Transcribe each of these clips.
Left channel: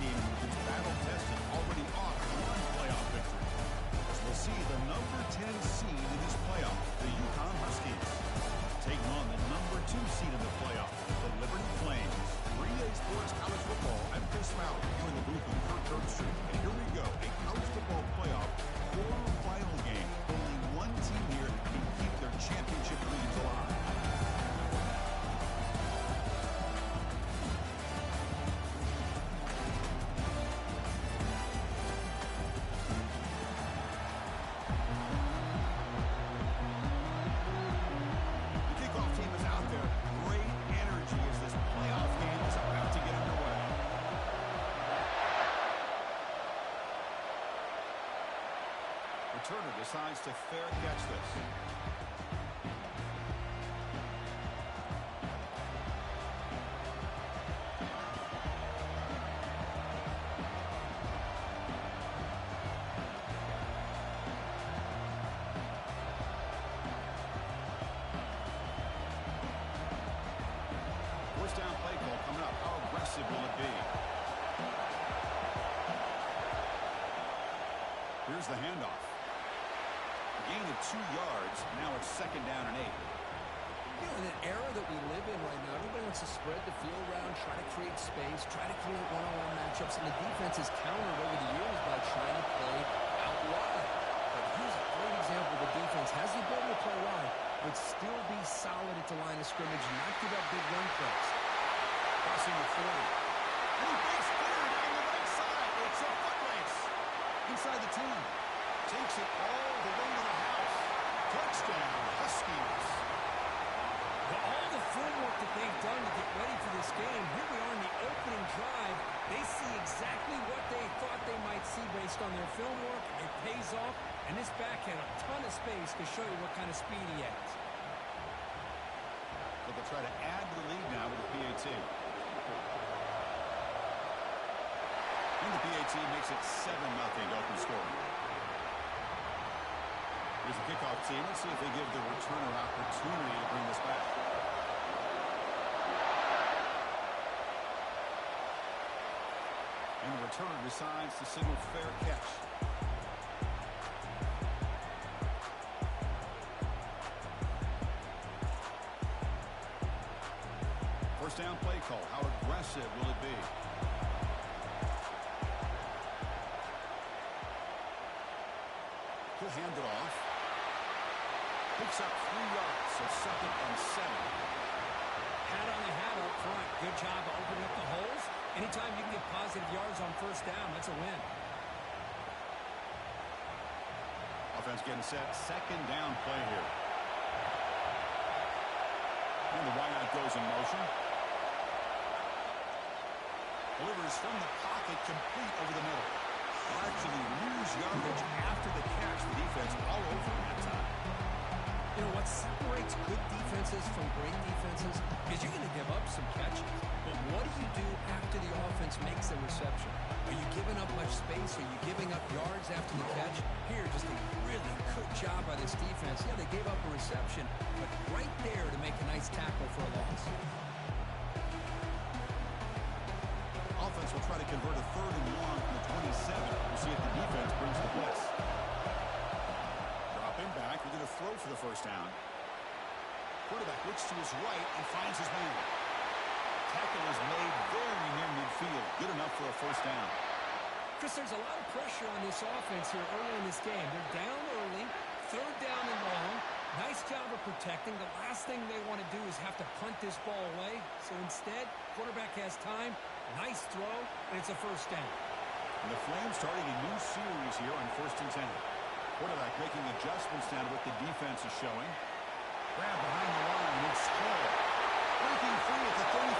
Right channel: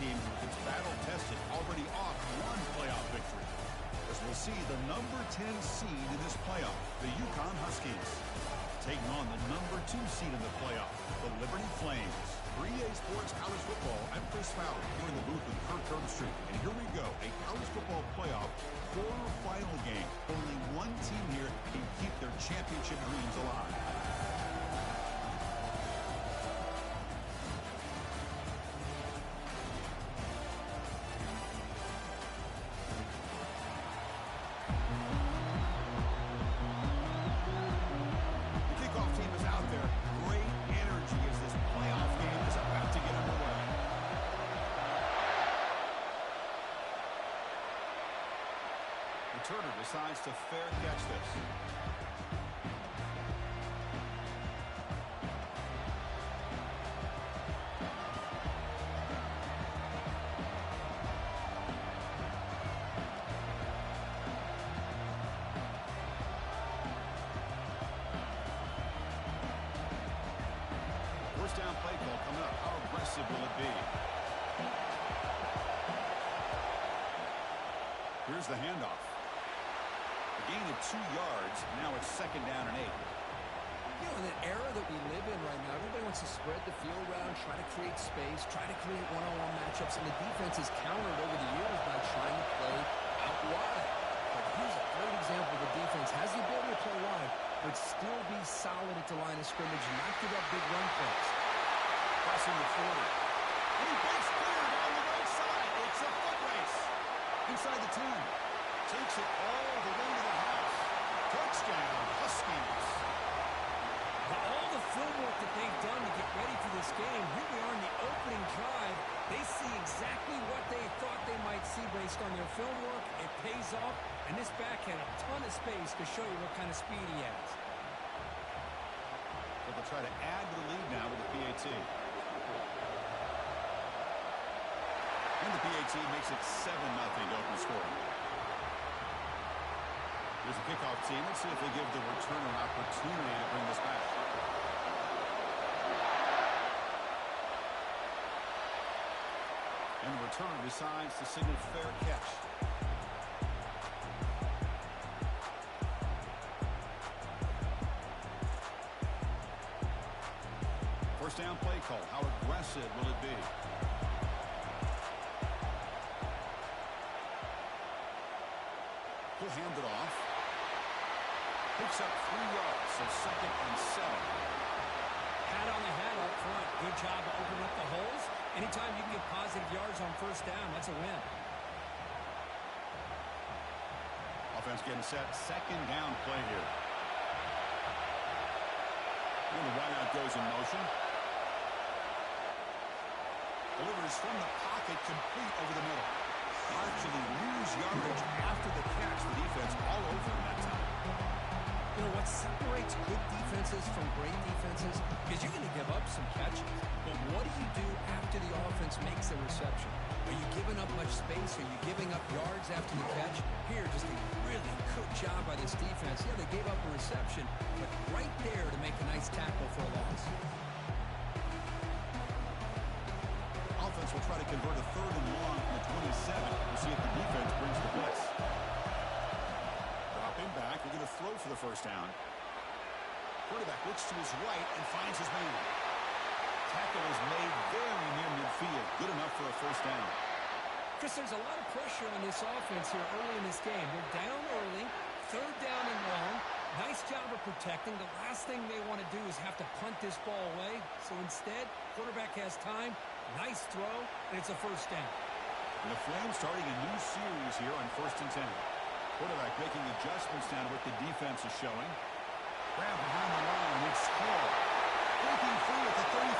team with its battle-tested, already off one playoff victory. As we'll see the number 10 seed in this playoff, the UConn Huskies, taking on the number 2 seed in the playoff, the Liberty Flames. 3A Sports College Football. I'm Chris Fowler here in the booth with Kirk Herbstreit. And here we go, a college football playoff quarterfinal game. Only one team here can keep their championship dreams alive. Turner decides to fair catch this. First down play call coming up. How aggressive will it be? Here's the handoff. Gain of 2 yards. Now it's second down and 8. You know, in an era that we live in right now, everybody wants to spread the field around, try to create space, try to create one-on-one matchups, and the defense has countered over the years by trying to play out wide. But here's a great example. The defense has the ability to play wide, but still be solid at the line of scrimmage, not give up big run plays. Crossing the 40. And he breaks clear down the right side. It's a foot race. Inside the 10. Takes it all the way to the house. Touchdown, Huskies. Well, all the footwork that they've done to get ready for this game, here we are in the opening drive. They see exactly what they thought they might see based on their film work. It pays off, and this back had a ton of space to show you what kind of speed he has. So they'll try to add to the lead now with the PAT. And the PAT makes it 7-0 open scoring. Here's the kickoff team. Let's see if they give the returner an opportunity to bring this back. And the returner decides to signal fair catch. First down play call. How aggressive will it be? He'll hand it off. Picks up 3 yards, so second and 7. Hat on the hat up front. Good job of opening up the holes. Anytime you can get positive yards on first down, that's a win. Offense getting set. Second down play here. And the wideout goes in motion. Delivers from the pocket, complete over the middle. They'll actually lose yardage after the catch. The defense all over in that time. You know, what separates good defenses from great defenses is you're going to give up some catches. But what do you do after the offense makes a reception? Are you giving up much space? Are you giving up yards after the catch? Here, just a really good job by this defense. Yeah, they gave up a reception, but right there to make a nice tackle for a loss. Offense will try to convert a 3rd and long from the 27. We'll see if the defense brings the blitz. Dropping back. They're going to throw for the first down. Quarterback looks to his right and finds his man. Tackle is made very near midfield. Good enough for a first down. Chris, there's a lot of pressure on this offense here early in this game. They're down early, 3rd down and long. Nice job of protecting. The last thing they want to do is have to punt this ball away. So instead, quarterback has time. Nice throw, and it's a first down. And the Flames starting a new series here on 1st and 10. Quarterback making adjustments now to what the defense is showing. Grab behind the line. It's Hall. Breaking free at the 35.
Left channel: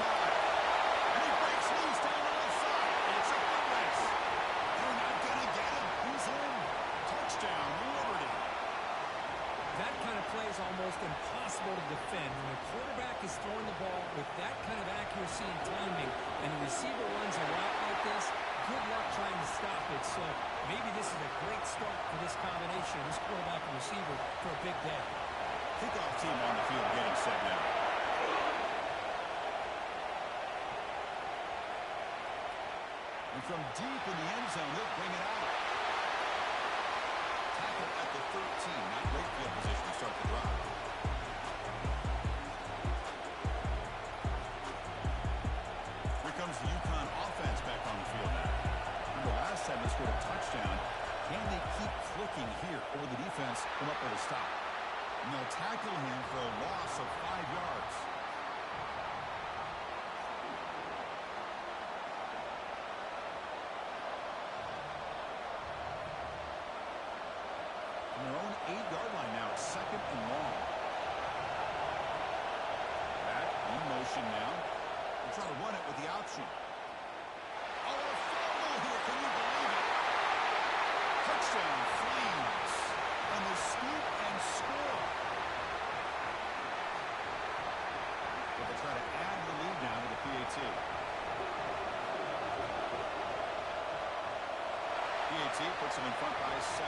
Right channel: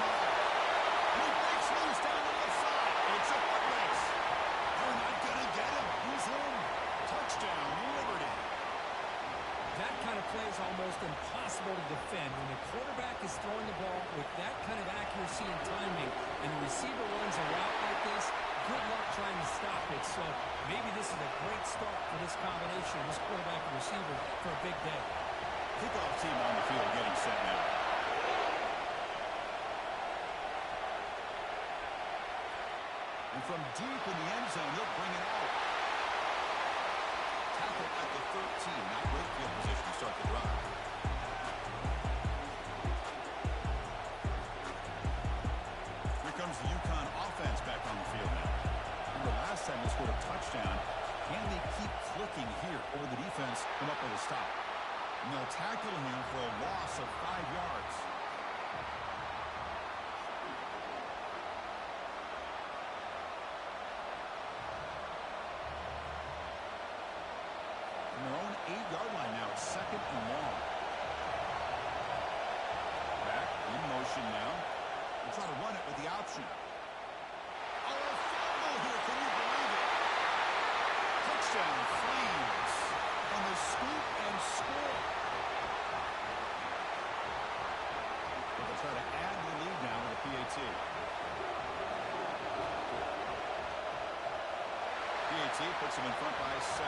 And he breaks loose down the left side. It's a foot race. They're not going to get him. He's in. Touchdown, Liberty. That kind of play is almost impossible to defend. When the quarterback is throwing the ball with that kind of accuracy and timing, and the receiver runs a route like this, good luck trying to stop it. So maybe this is a great start for this combination, this quarterback and receiver, for a big day. Kickoff team on the field getting set now. And And from deep in the end zone, he'll bring it out. Tackle at the 13. Not great field position to start the drive. Here comes the UConn offense back on the field now. Remember last time they scored a touchdown. Can they keep clicking here, or will the defense come up with a stop? And they'll tackle him for a loss of 5 yards. From their own 8-yard line now, it's 2nd and long. Back in motion now. We'll try to run it with the option. Oh, a fumble here. Can you believe it? Touchdown, Flames. On the scoop and score. But they'll try to add the lead now with a PAT. PAT puts them in front by 7.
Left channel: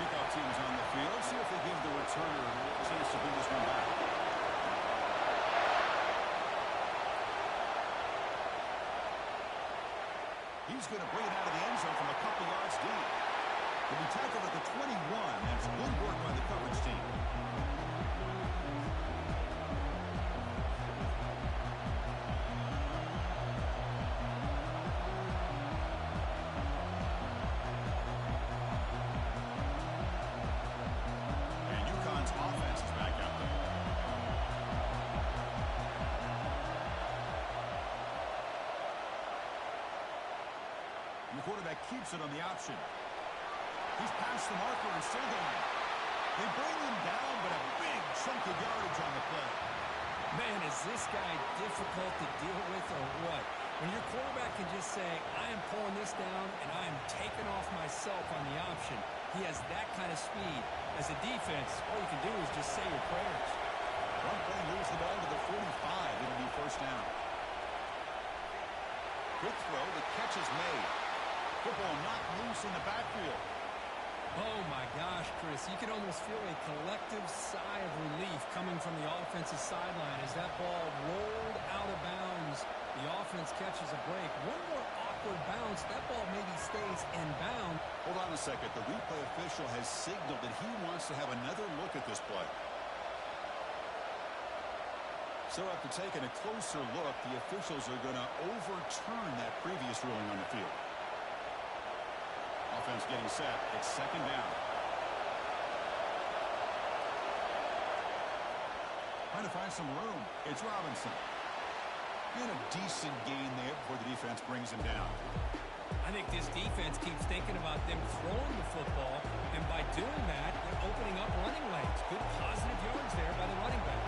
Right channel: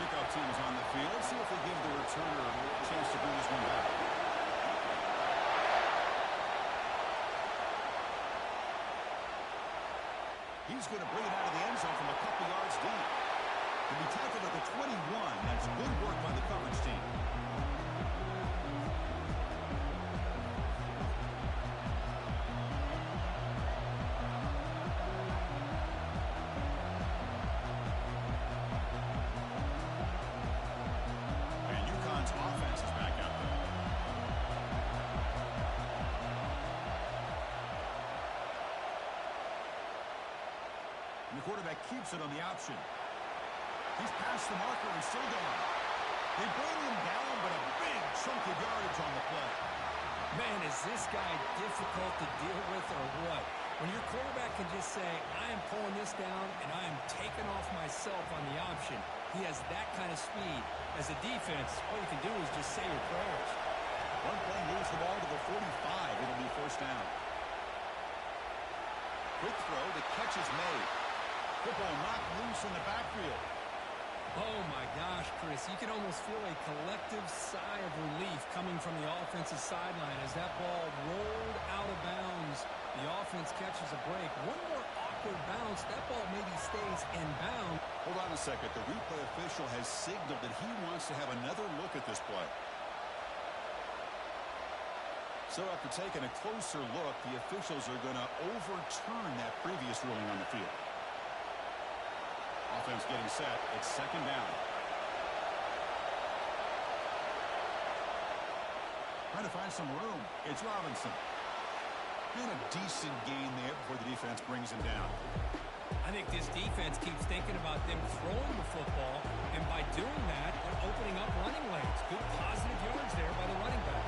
Kickoff team is on the field. See if they give the returner a chance to bring this one back. He's going to bring it out of the end zone from a couple yards deep. He'll be tackled at the 21. That's good work by the coverage team. And UConn's offense is back out there. And the quarterback keeps it on the option. He's past the marker and still going. They bring him down, but a big chunk of yardage on the play. Man, is this guy difficult to deal with or what? When your quarterback can just say, I am pulling this down and I am taking off myself on the option. He has that kind of speed. As a defense, all you can do is just say your prayers. One play moves the ball to the 45. It'll be 1st down. Quick throw. The catch is made. Football knocked loose in the backfield. Oh, my gosh, Chris. You can almost feel a collective sigh of relief coming from the offensive sideline as that ball rolled out of bounds. The offense catches a break. One more awkward bounce. That ball maybe stays in bounds. Hold on a second. The replay official has signaled that he wants to have another look at this play. So after taking a closer look, the officials are going to overturn that previous ruling on the field. Offense getting set. It's 2nd down. Trying to find some room. It's Robinson. And a decent gain there before the defense brings him down. I think this defense keeps thinking about them throwing the football, and by doing that, they're opening up running lanes. Good positive yards there by the running back.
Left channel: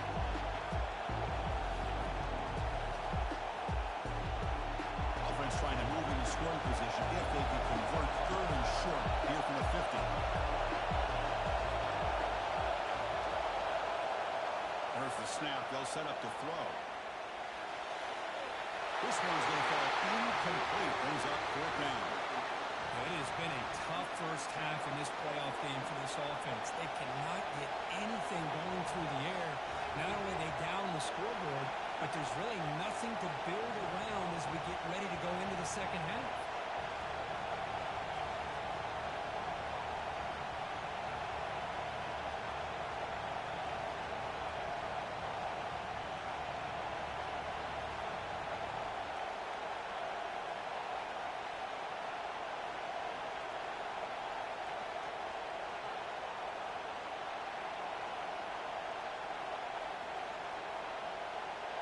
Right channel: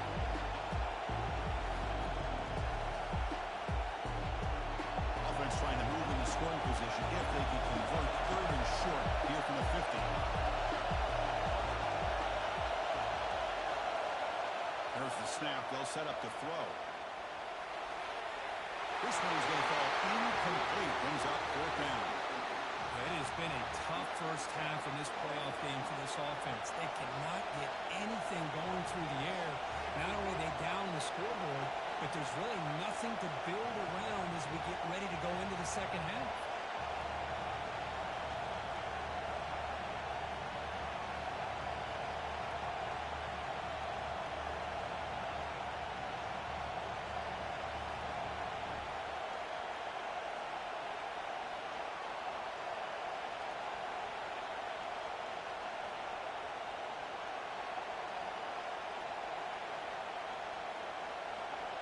Offense trying to move in the scoring position if they can convert 3rd and short here from the 50. There's the snap. They'll set up to throw. This one's going to fall incomplete. Brings up 4th down. It has been a tough first half in this playoff game for this offense. They cannot get anything going through the air. Not only are they down the scoreboard, but there's really nothing to build around as we get ready to go into the second half.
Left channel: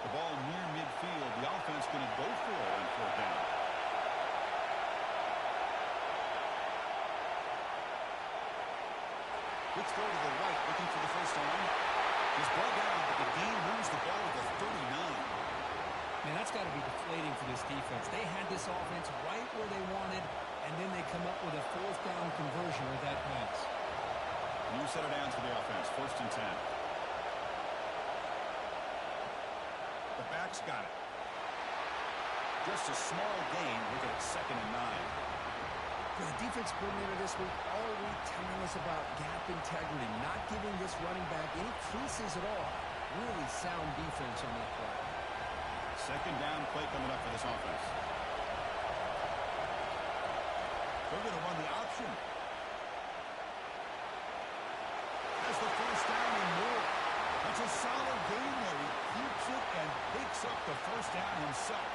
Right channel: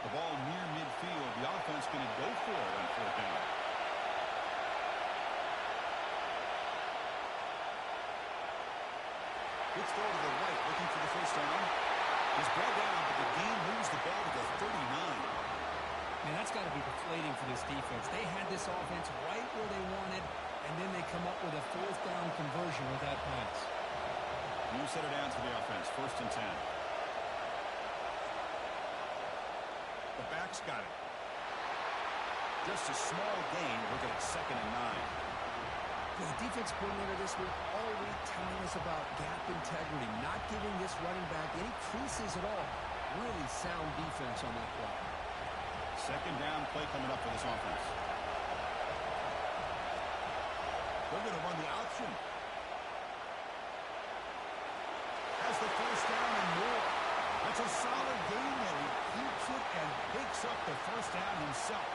The ball near midfield. The offense going to go for it on 4th down. Good throw to the right, looking for the 1st down. He's brought down, but the game moves the ball to the 39. Man, that's got to be deflating for this defense. They had this offense right where they wanted, and then they come up with a 4th down conversion with that pass. New set of downs for the offense. 1st and 10. The back's got it. Just a small gain. Looking at 2nd and 9. For the defense coordinator this week, all week telling us about gap integrity, not giving this running back any creases at all. Really sound defense on that play. Second down play coming up for this offense. They're going to run the option. Has the first down and more. That's a solid game there. He keeps it and picks up the first down himself.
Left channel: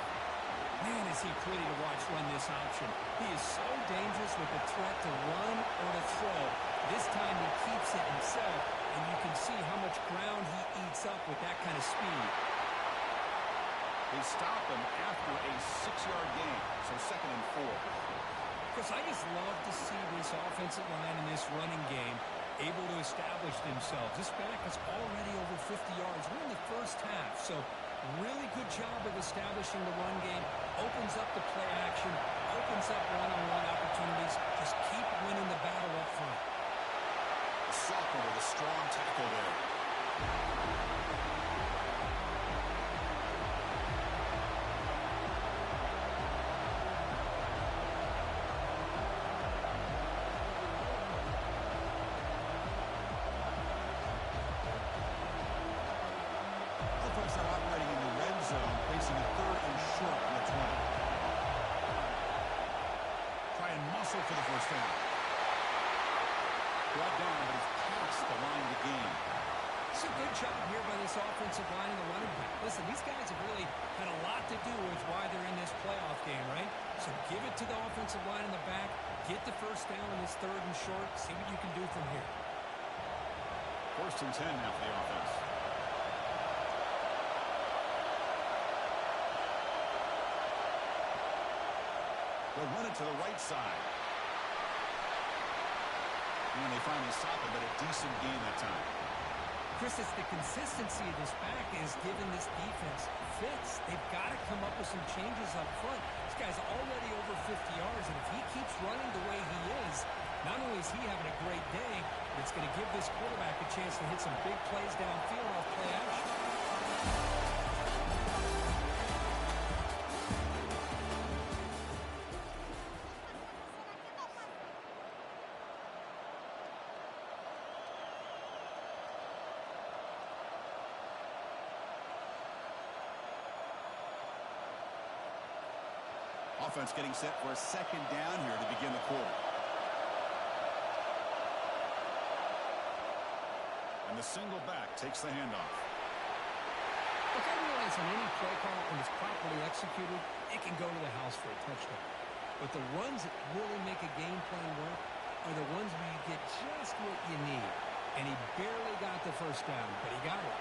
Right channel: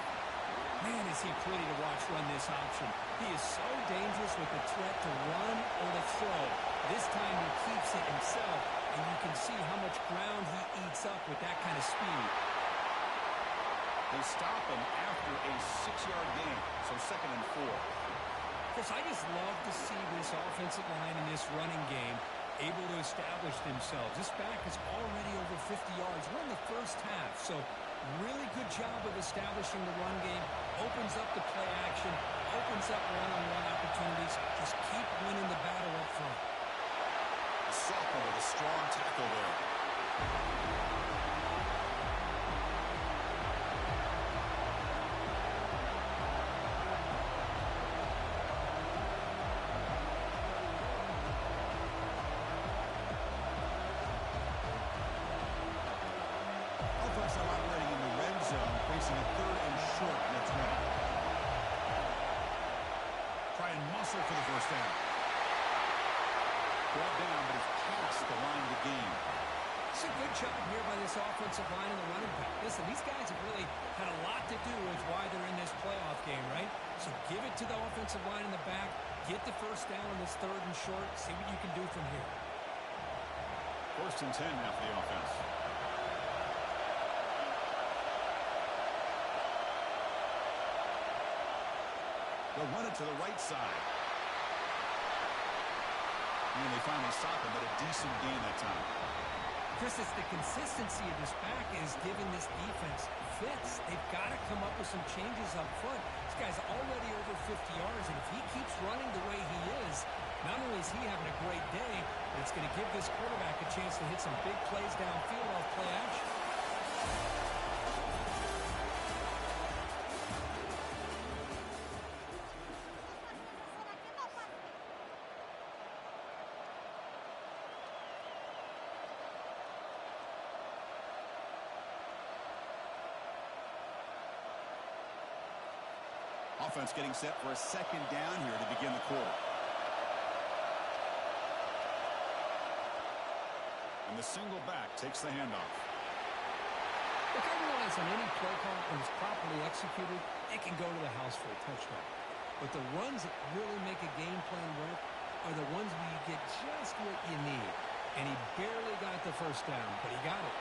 Man, is he pretty to watch run this option. He is so dangerous with the threat to run or to throw. This time he keeps it himself, and you can see how much ground he eats up with that kind of speed. They stop him after a 6-yard gain, so 2nd and 4. Chris, I just love to see this offensive line in this running game able to establish themselves. This back is already over 50 yards. We're in the first half, so really good job of establishing the run game. Opens up the play action, opens up one-on-one opportunities. Just keep winning the battle up front. The sophomore with a strong tackle there. Offense now operating in the red zone, facing a 3rd and short on the 20. Try and muscle for the first down. Brought down, but he's past the line to gain. It's a good job here by this offensive line and the running back. Listen, these guys have really had a lot to do with why they're in this playoff game, right? So give it to the offensive line in the back. Get the first down on this 3rd and short. See what you can do from here. 1st and 10 now for the offense. They'll run it to the right side. And they finally stop him, but a decent gain that time. Chris, it's the consistency of this back is giving this defense fits. They've got to come up with some changes up front. This guy's already over 50 yards, and if he keeps running the way he is, not only is he having a great day, but it's going to give this quarterback a chance to hit some big plays downfield off play action. Offense getting set for a 2nd down here to begin the quarter. And the single back takes the handoff. Look, I realize on any play call, when it's properly executed, it can go to the house for a touchdown. But the runs that really make a game plan work are the ones where you get just what you need. And he barely got the first down, but he got it.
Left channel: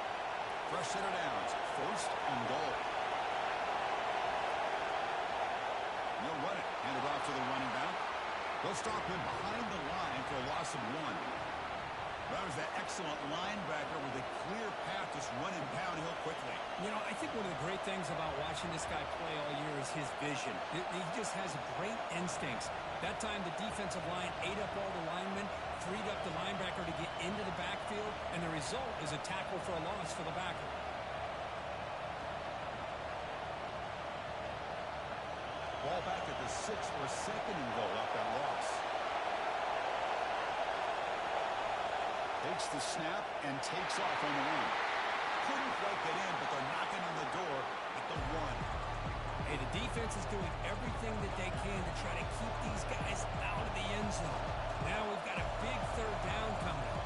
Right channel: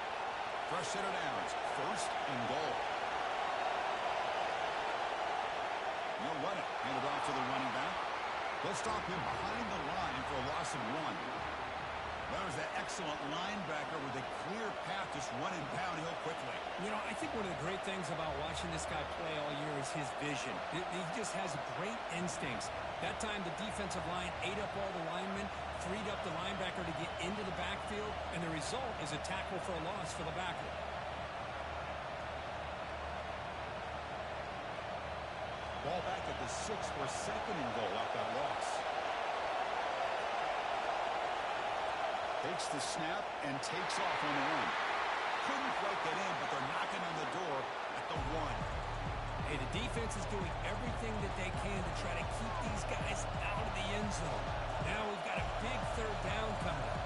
Fresh set of downs, 1st and goal. They'll run it. Hand it off to the running back. They'll stop him behind the line for a loss of 1. That was that excellent linebacker with a clear path just running downhill quickly. You know, I think one of the great things about watching this guy play all year is his vision. He just has great instincts. That time the defensive line ate up all the linemen, freed up the linebacker to get into the backfield, and the result is a tackle for a loss for the backer. Ball back at the 6 for a 2nd and goal off that loss. Takes the snap and takes off on the run. Couldn't quite get in, but they're knocking on the door at the 1. Hey, the defense is doing everything that they can to try to keep these guys out of the end zone. Now we've got a big 3rd down coming up.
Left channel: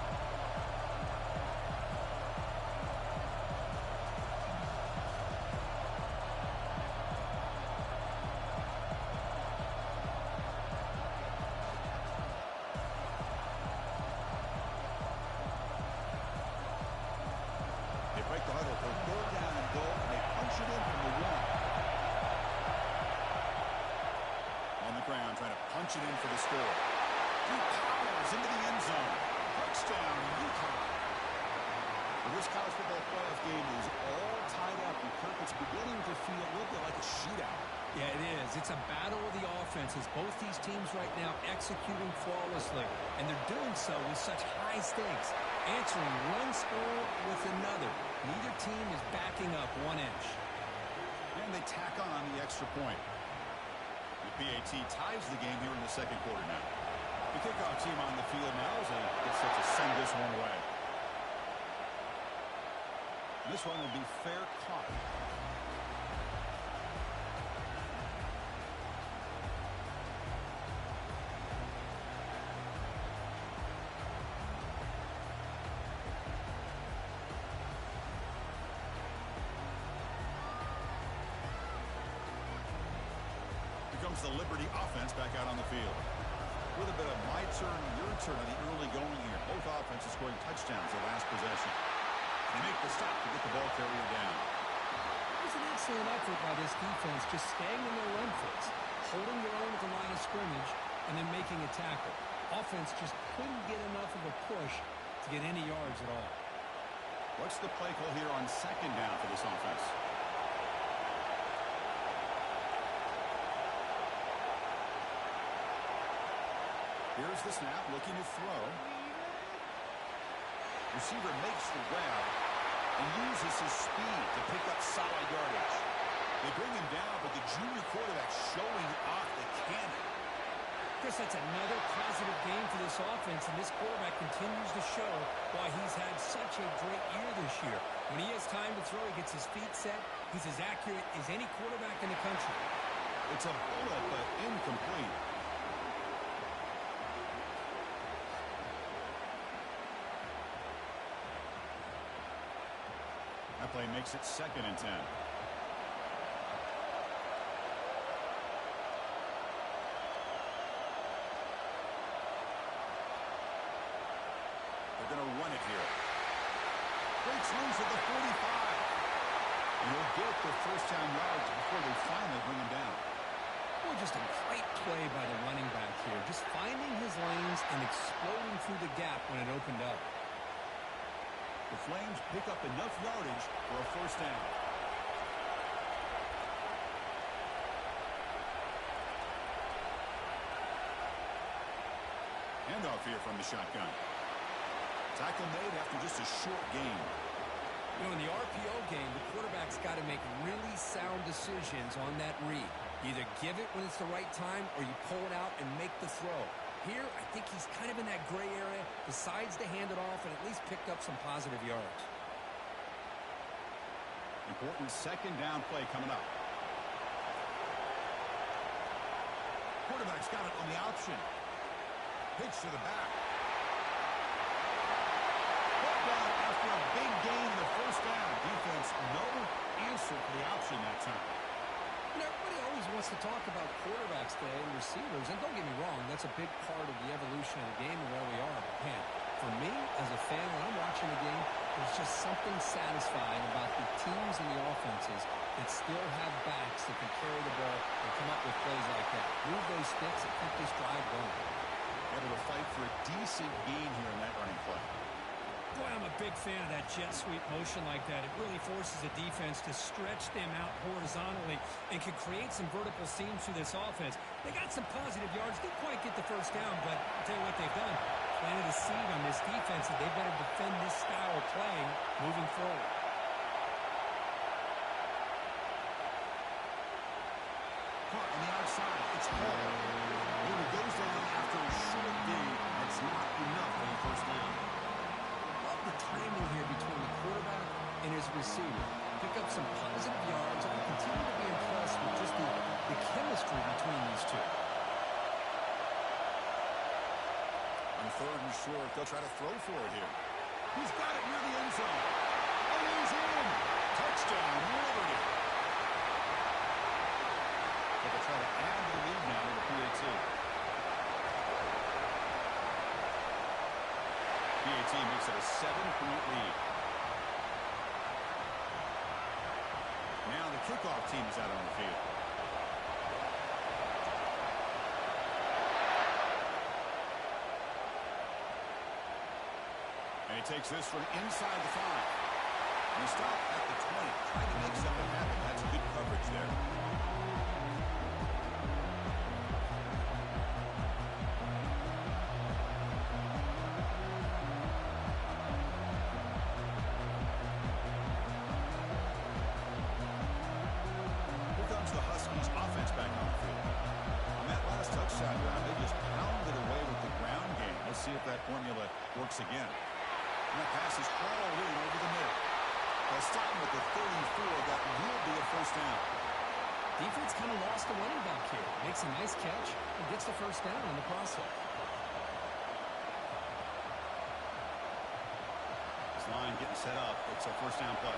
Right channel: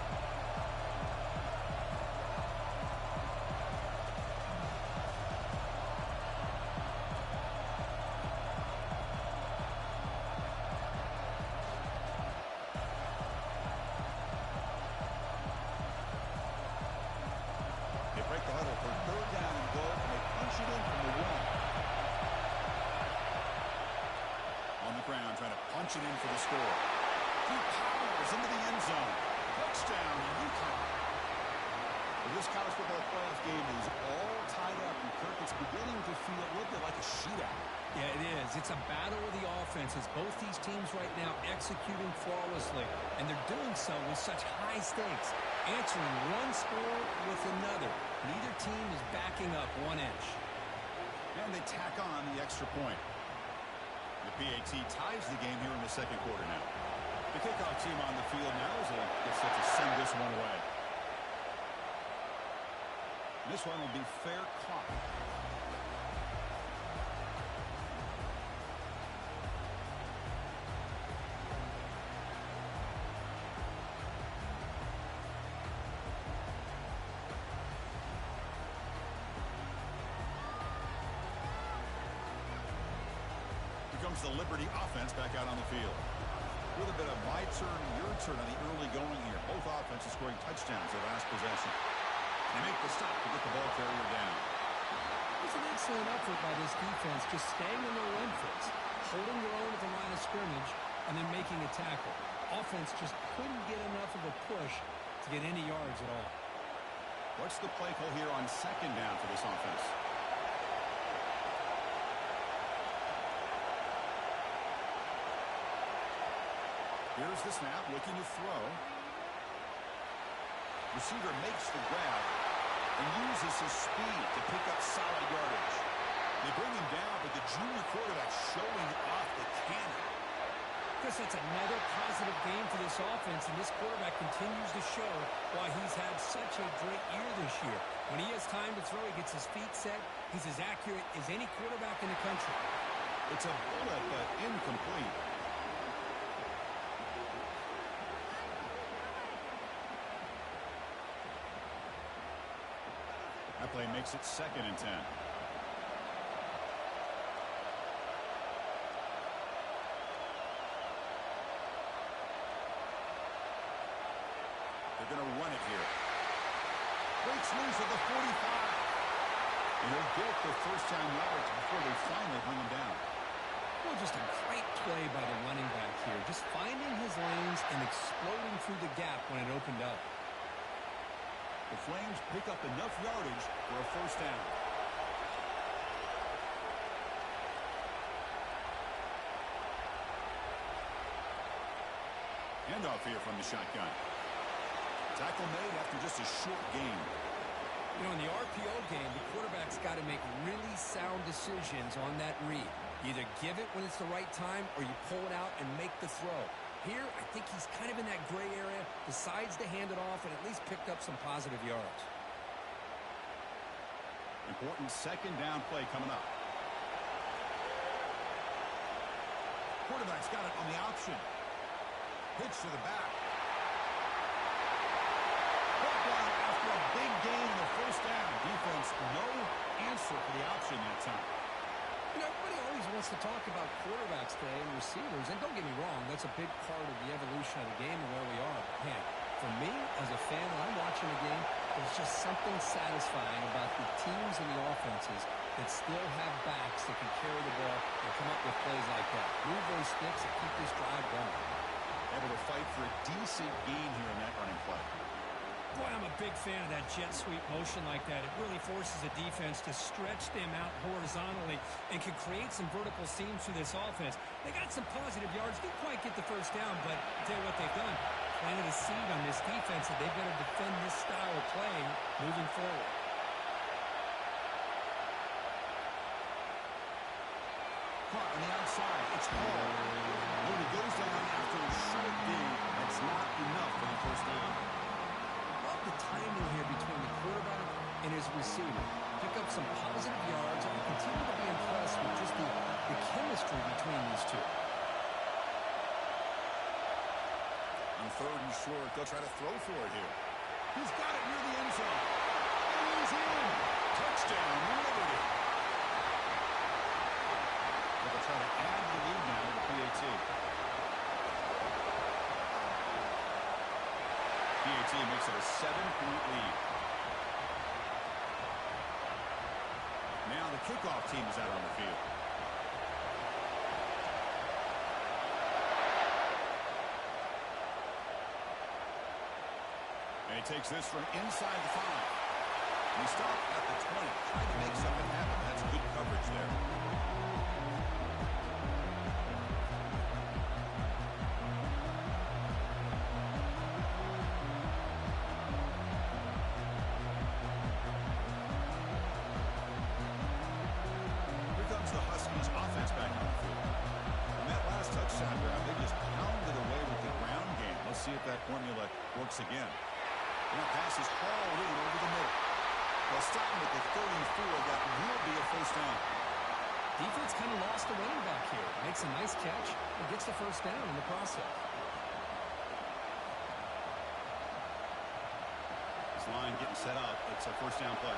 They break the huddle for 3rd down and goal, and they punch it in from the 1. On the ground, trying to punch it in for the score. He powers into the end zone. Touchdown, UConn. Well, this college football playoff game is all tied up, and Kirk, it's beginning to feel a little bit like a shootout. Yeah, it is. It's a battle of the offenses. Both these teams right now executing flawlessly, and they're doing so with such high stakes, answering one score with another. Neither team is backing up 1 inch. And they tack on the extra point. The PAT ties the game here in the 2nd quarter now. The kickoff team on the field now as they get set to send this one away. This one will be fair caught. comes the Liberty offense back out on the field. With a bit of my turn, your turn on the early going here. Both offenses scoring touchdowns their last possession. They make the stop to get the ball carrier down. It was an excellent effort by this defense, just staying in their run fits, holding their own at the line of scrimmage, and then making a tackle. Offense just couldn't get enough of a push to get any yards at all. What's the play call here on second down for this offense? Here's the snap, looking to throw. Receiver makes the grab and uses his speed to pick up solid yardage. They bring him down, but the junior quarterback showing off the cannon. Chris, that's another positive game for this offense, and this quarterback continues to show why he's had such a great year this year. When he has time to throw, he gets his feet set. He's as accurate as any quarterback in the country. It's a bullet, but incomplete. That play makes it 2nd and 10. They're going to run it here. Breaks loose at the 45. And he'll get the first down yards before they finally bring him down. Well, just a great play by the running back here. Just finding his lanes and exploding through the gap when it opened up. The Flames pick up enough yardage for a first down. Handoff here from the shotgun. Tackle made after just a short gain. You know, in the RPO game, the quarterback's got to make really sound decisions on that read. You either give it when it's the right time or you pull it out and make the throw. Here, I think he's kind of in that gray area, decides to hand it off, and at least picked up some positive yards. Important second down play coming up. Quarterback's got it on the option. Pitch to the back. Brought down after a big gain in the first down. Defense, no answer for the option that time. You know, everybody always wants to talk about quarterbacks today and receivers, and don't get me wrong, that's a big part of the evolution of the game and where we are. But man, for me, as a fan, when I'm watching the game, there's just something satisfying about the teams and the offenses that still have backs that can carry the ball and come up with plays like that. Move those sticks and keep this drive going. Able to fight for a decent gain here in that running play. Boy, I'm a big fan of that jet sweep motion like that. It really forces a defense to stretch them out horizontally and can create some vertical seams through this offense. They got some positive yards. Didn't quite get the first down, but I'll tell you what they've done. Planted a seed on this defense that they better defend this style of playing moving forward. Caught on the outside. It's Hall. He goes down after a short gain. That's not enough for the first down. Love the timing here between the quarterback and his receiver. Pick up some positive yards, and I continue to be impressed with just the chemistry between these two. On 3rd and short, they'll try to throw for it here. He's got it near the end zone. And he's in. Touchdown, Liberty. But they'll try to add to the lead now with the PAT. PAT makes it a 7-point lead. Now the kickoff team is out on the field. And he takes this from inside the 5. And he stopped at the 20. Trying to make something happen. That's good coverage there. The Huskies offense back on the field. On that last touchdown drive, they just pounded away with the ground game. Let's see if that formula works again. And that pass is hauled in over the middle. Well, starting with the 34, that will be a first down. Defense kind of lost the running back here. Makes a nice catch and gets the first down in the process. This line getting set up. It's a first down play.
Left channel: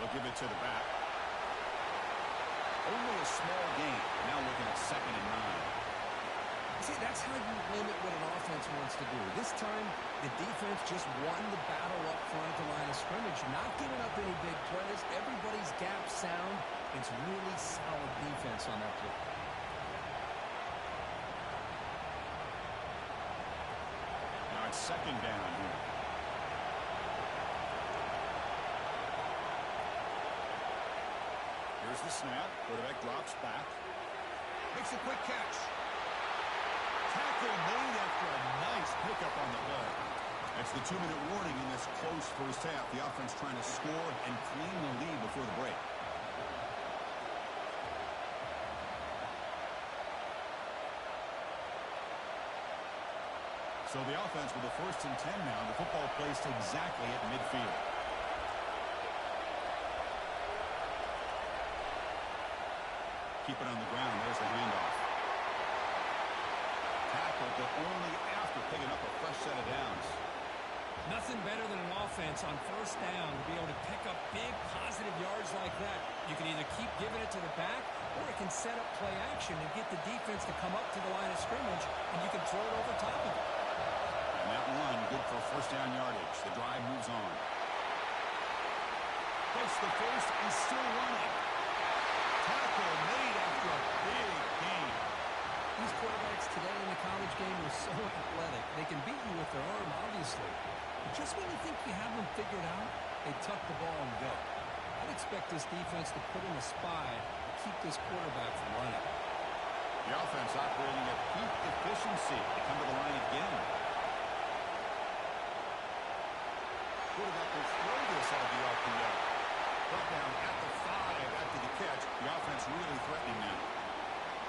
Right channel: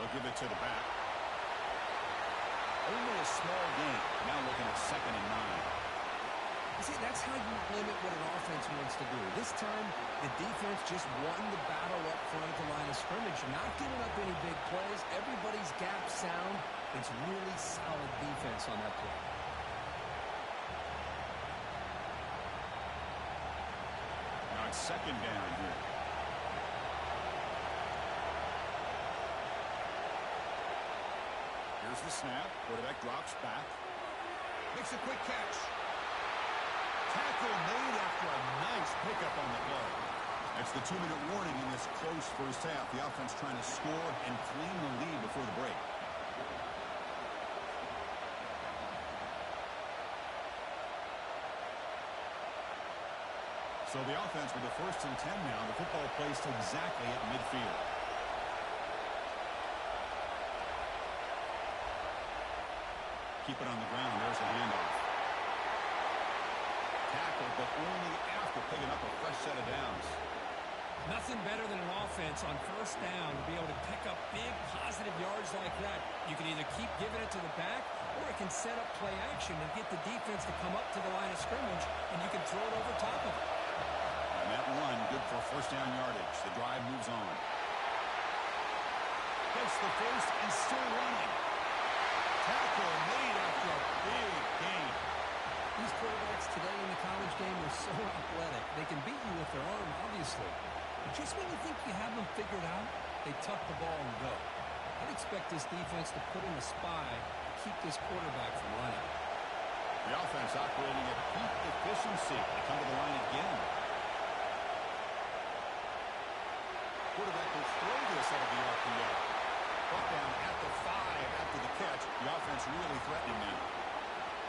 They'll give it to the back. Only a small gain. Now looking at 2nd and 9. See, that's how you limit what an offense wants to do. This time, the defense just won the battle up front at the line of scrimmage, not giving up any big plays. Everybody's gap sound. It's really solid defense on that play. Now it's 2nd down here. Here's the snap. Quarterback drops back. Makes a quick catch. Tackle made after a nice pickup on the play. That's the 2-minute warning in this close first half. The offense trying to score and claim the lead before the break. So the offense with the 1st and 10 now. The football placed exactly at midfield. Keep it on the ground. There's the handoff. Tackle, but only after picking up a fresh set of downs. Nothing better than an offense on 1st down to be able to pick up big positive yards like that. You can either keep giving it to the back, or it can set up play action and get the defense to come up to the line of scrimmage, and you can throw it over top of it. And that run, good for 1st down yardage. The drive moves on. Gets the first and still running. Tackle made after a big gain. These quarterbacks today in the college game are so athletic. They can beat you with their arm, obviously. But just when you think you have them figured out, they tuck the ball and go. I'd expect this defense to put in a spy to keep this quarterback from running. The offense operating at peak efficiency. They come to the line again. Quarterback will throw this out of the RPO. Brought down at the 5 after the catch. The offense really threatening now.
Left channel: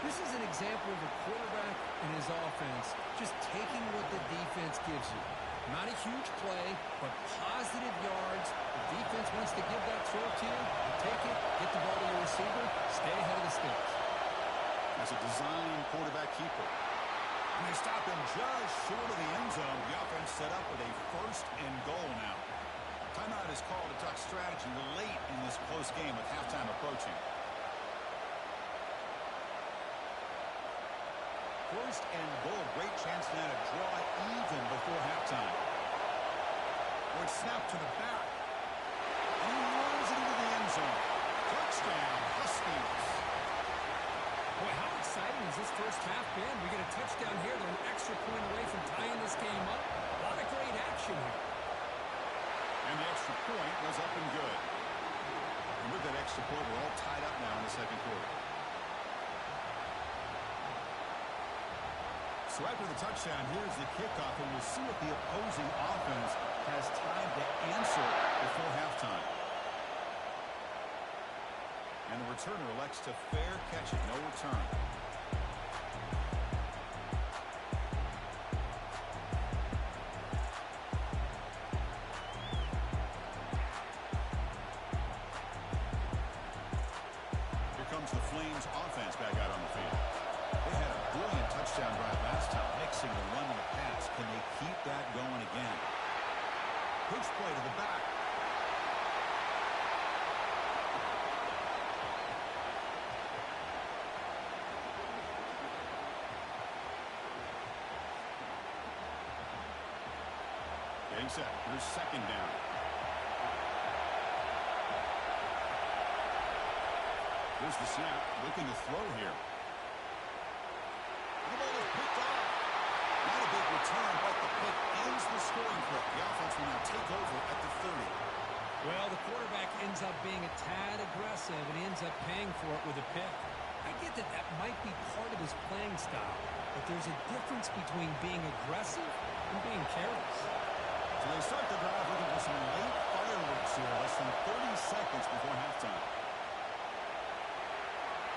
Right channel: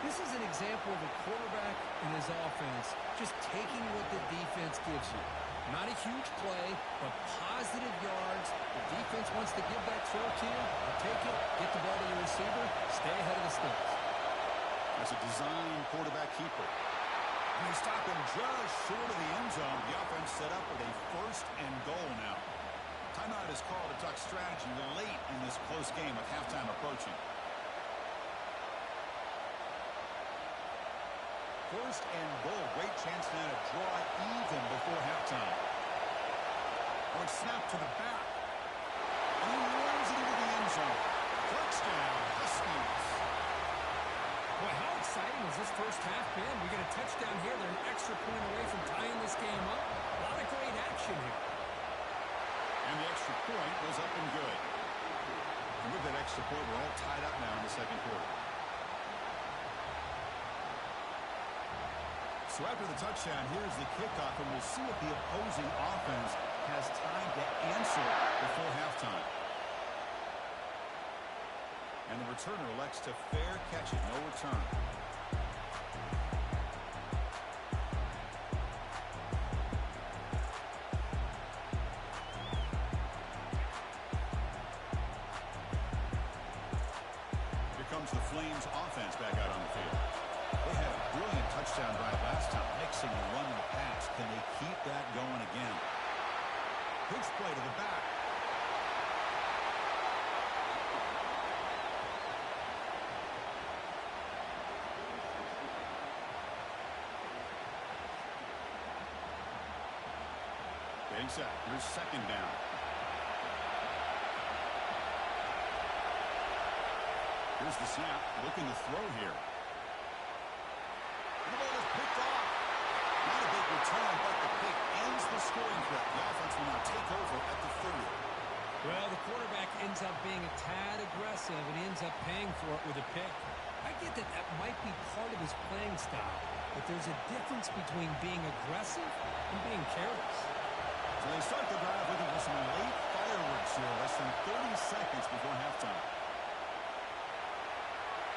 This is an example of a quarterback and his offense just taking what the defense gives you. Not a huge play, but positive yards. The defense wants to give that throw to you. You take it, get the ball to your receiver, stay ahead of the sticks. As a design quarterback keeper. And they stop him just short of the end zone. The offense set up with a 1st and goal now. Timeout is called to talk strategy late in this close game with halftime approaching. 1st and goal. Great chance now to draw even before halftime. Oh, it's snapped to the back. And he runs it into the end zone. Touchdown, Huskies. Boy, how exciting has this first half been? We get a touchdown here. They're an extra point away from tying this game up. A lot of great action here. And the extra point was up and good. And with that extra point, we're all tied up now in the 2nd quarter. So after the touchdown, here's the kickoff, and we'll see if the opposing offense has time to answer before halftime. And the returner elects to fair catch it, no return. Here comes the Flames offense back out on the field. They had a brilliant touchdown drive last time, mixing the run and the pass. Can they keep that going again? Pitch play to the back. Getting set. Here's 2nd down. Here's the snap. Looking to throw here. The ball is picked off. Not a big return, but the pick ends the scoring threat. The offense will now take over at the 30. Well, the quarterback ends up being a tad aggressive, and he ends up paying for it with a pick. I get that that might be part of his playing style, but there's a difference between being aggressive and being careless. So they start the drive looking for some late fireworks here, less than 30 seconds before halftime.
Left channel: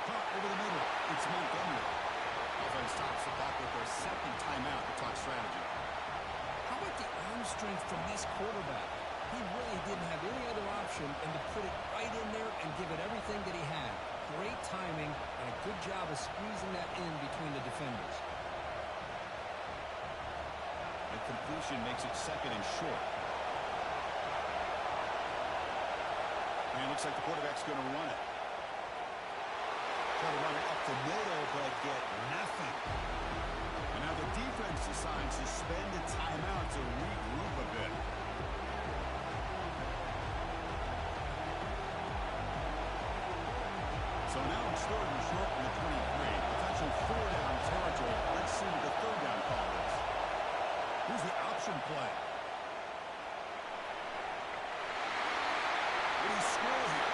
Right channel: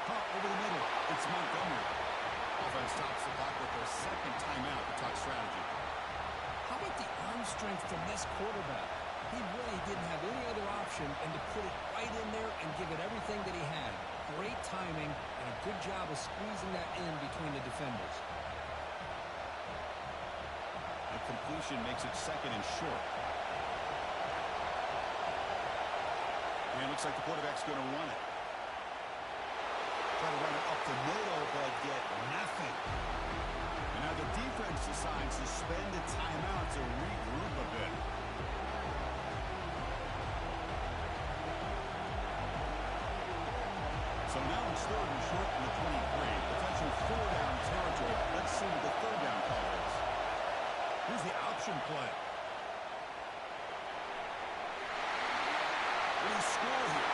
Caught over the middle. It's Montgomery. Offense stops the clock with their 2nd timeout to talk strategy. How about the arm strength from this quarterback? He really didn't have any other option than to put it right in there and give it everything that he had. Great timing and a good job of squeezing that in between the defenders. And completion makes it 2nd and short. And it looks like the quarterback's going to run it. Try to run it up the middle, but get nothing. And now the defense decides to spend a timeout to regroup a bit. So now it's third and short from the 23. Potential four-down territory. Let's see what the third down call is. Here's the option play. What do you score here?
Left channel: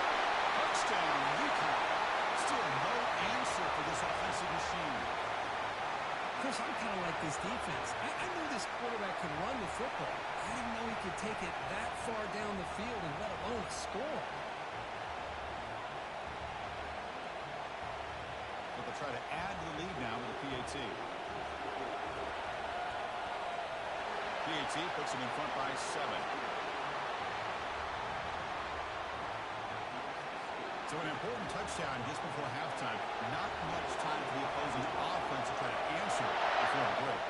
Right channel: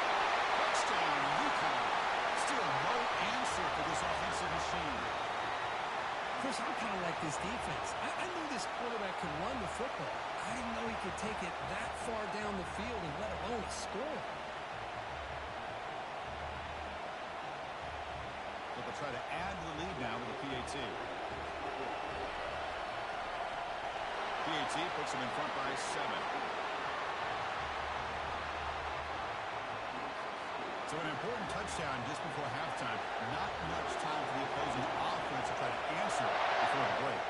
Touchdown, UConn. Still no answer for this offensive machine. Chris, I'm kind of like this defense. I knew this quarterback could run the football. I didn't know he could take it that far down the field and let alone a score. But they'll try to add to the lead now with a PAT. PAT puts them in front by 7. So an important touchdown just before halftime. Not much time for the opposing offense to try to answer before the break.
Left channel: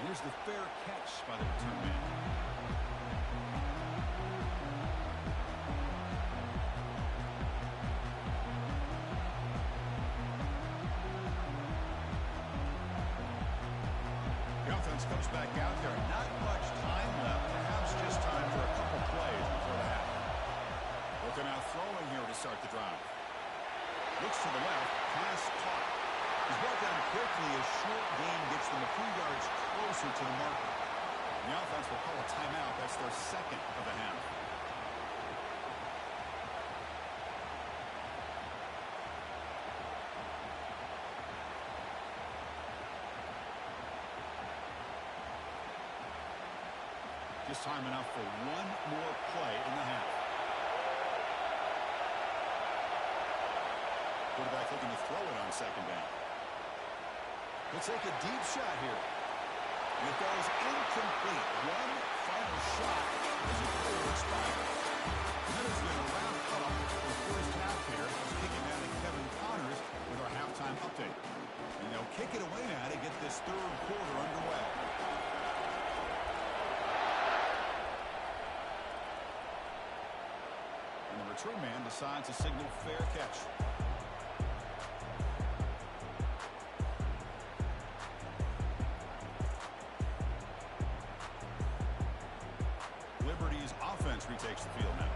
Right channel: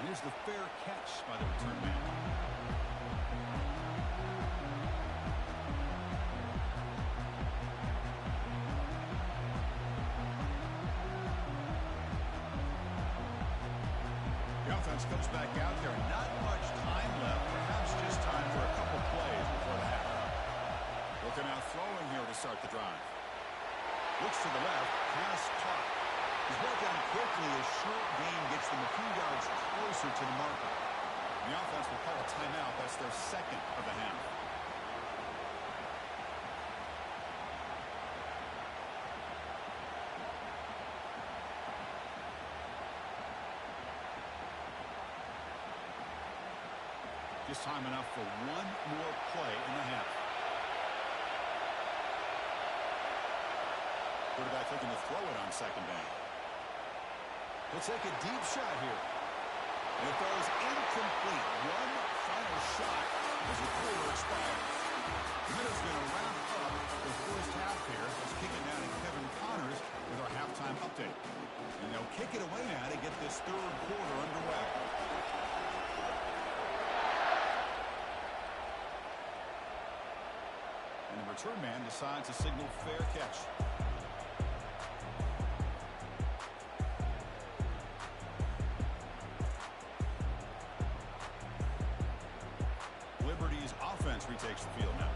And here's the fair catch by the return man. The offense comes back out there. Not much time left. Perhaps just time for a couple plays before the half. They're now throwing here to start the drive. Looks to the left. Pass caught. He's brought down quickly. A short gain gets them a few yards closer to the marker. The offense will call a timeout. That's their second of the half. Just time enough for one more play in the half. Quarterback looking to throw it on second down. He'll take a deep shot here. And it goes incomplete. One final shot as the quarter expires. And that is going to wrap up the first half here. Let's kick it down to Kevin Connors with our halftime update. And they'll kick it away now to get this third quarter underway. And the return man decides to signal fair catch. Liberty's offense retakes the field now.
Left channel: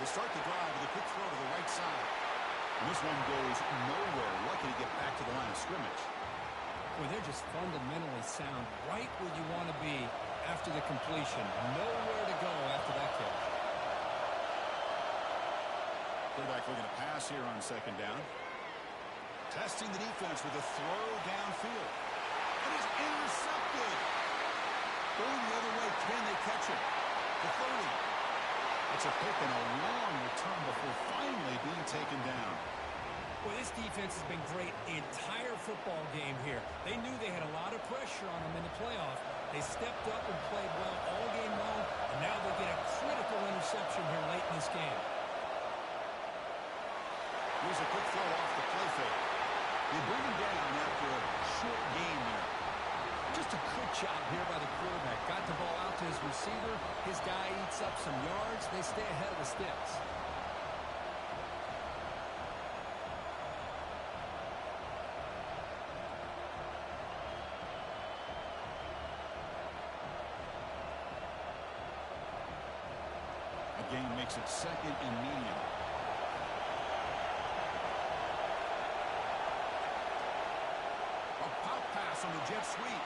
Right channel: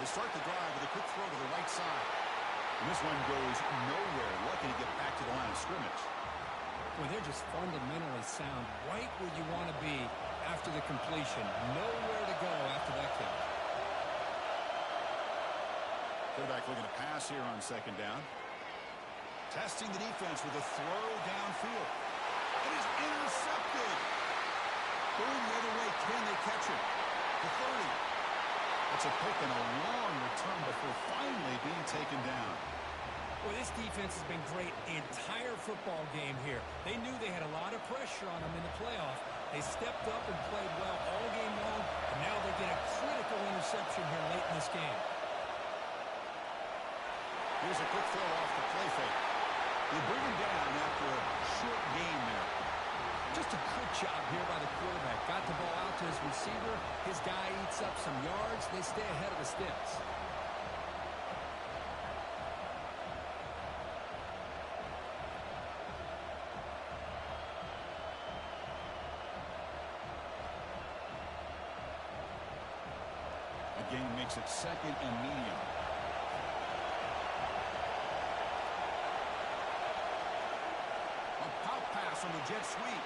They start the drive with a quick throw to the right side. And this one goes nowhere. Lucky to get back to the line of scrimmage. Well, they're just fundamentally sound, right where you want to be after the completion. Nowhere to go after that catch. Quarterback looking to pass here on second down. Testing the defense with a throw downfield. It is intercepted. Going the other way. Can they catch it? The 30. That's a pick and a long return before finally being taken down. Well, this defense has been great the entire football game here. They knew they had a lot of pressure on them in the playoff. They stepped up and played well all game long, and now they get a critical interception here late in this game. Here's a quick throw off the play fake. They bring him down after a short gain there. Just a good job here by the quarterback. Got the ball out to his receiver. His guy eats up some yards. They stay ahead of the sticks. Gain makes it second and medium. A pop pass on the jet sweep.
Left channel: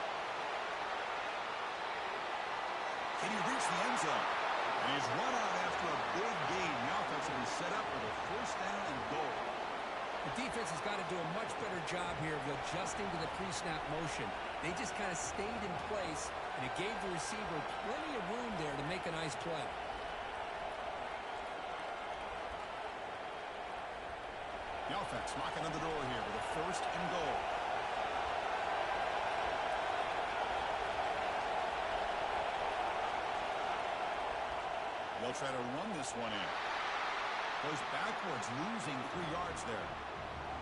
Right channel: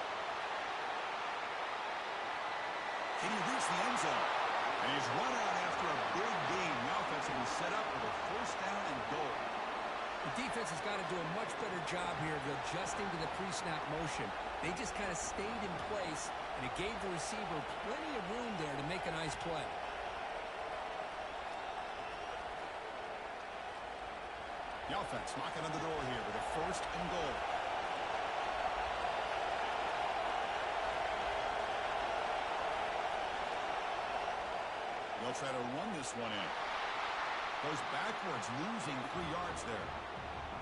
Can he reach the end zone? And he's run out after a big gain. The offense will be set up with a first down and goal. The defense has got to do a much better job here of adjusting to the pre-snap motion. They just kind of stayed in place, and it gave the receiver plenty of room there to make a nice play. The offense knocking on the door here with a first and goal. They'll try to run this one in. Goes backwards, losing 3 yards there.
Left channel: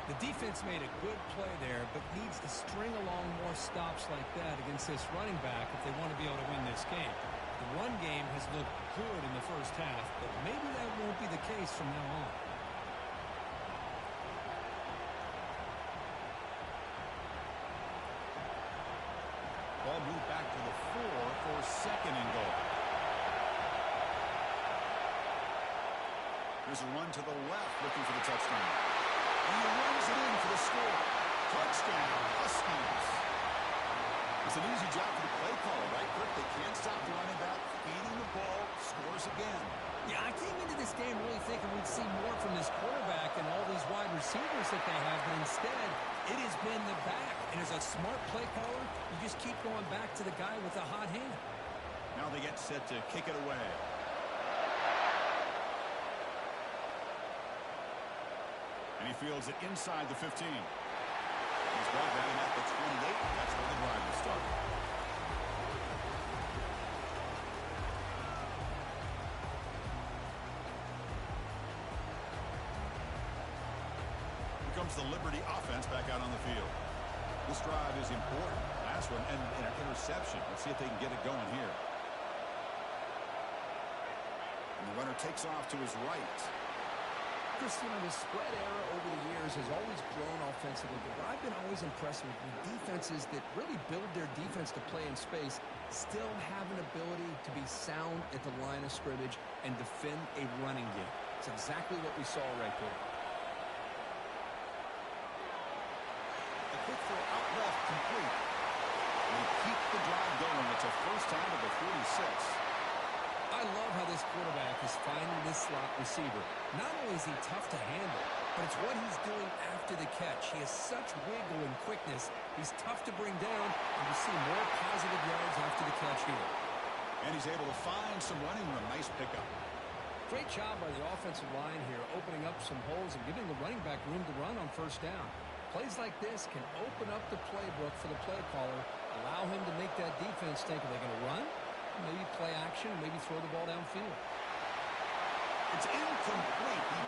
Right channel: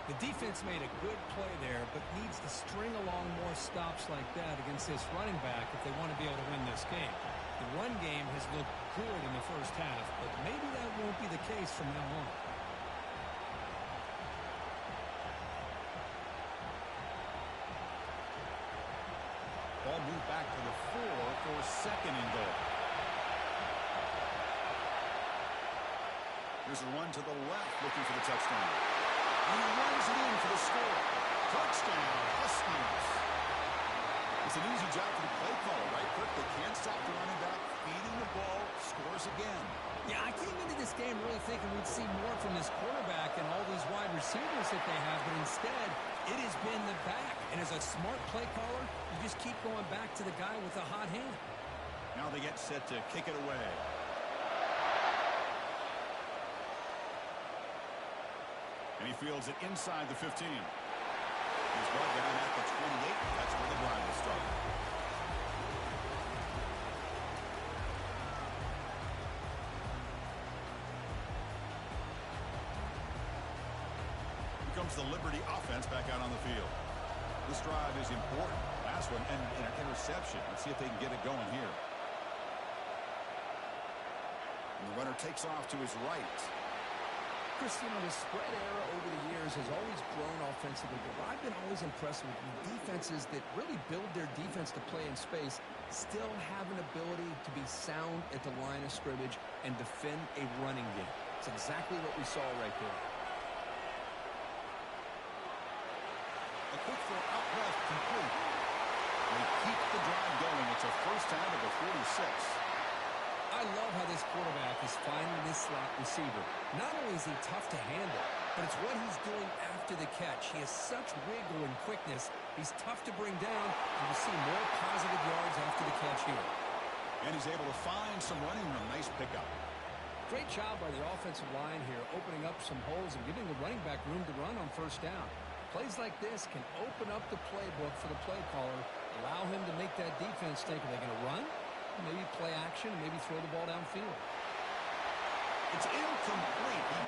The defense made a good play there, but needed needs to string along more stops like that against this running back if they want to be able to win this game. The run game has looked good in the first half, but maybe that won't be the case from now on. Ball moved back to the 4 for second and goal. There's a run to the left looking for the touchdown. And he runs it in for the score. Touchdown, Huskies. It's an easy job for the play caller, right, Kirk? They can't stop the running back, feeding the ball, scores again. Yeah, I came into this game really thinking we'd see more from this quarterback and all these wide receivers that they have, but instead, it has been the back. And as a smart play caller, you just keep going back to the guy with the hot hand. Now they get set to kick it away. And he fields it inside the 15. He's brought down at the 28. That's where the drive will start. Here comes the Liberty offense back out on the field. This drive is important. Last one and an interception. Let's see if they can get it going here. And the runner takes off to his right. Chris, you know, the spread era over the years has always grown offensively, but what I've been always impressed with defenses that really build their defense to play in space still have an ability to be sound at the line of scrimmage and defend a running game. It's exactly what we saw right there. A quick throw out left, complete. They keep the drive going. It's a first down to the 46. I love how this quarterback is finding this slot receiver. Not only is he tough to handle, but it's what he's doing after the catch. He has such wiggle and quickness. He's tough to bring down, and you see more positive yards after the catch here. And he's able to find some running room. Nice pickup. Great job by the offensive line here, opening up some holes and giving the running back room to run on first down. Plays like this can open up the playbook for the play caller, allow him to make that defense think, are they going to run? Maybe play action, maybe throw the ball downfield. It's incomplete.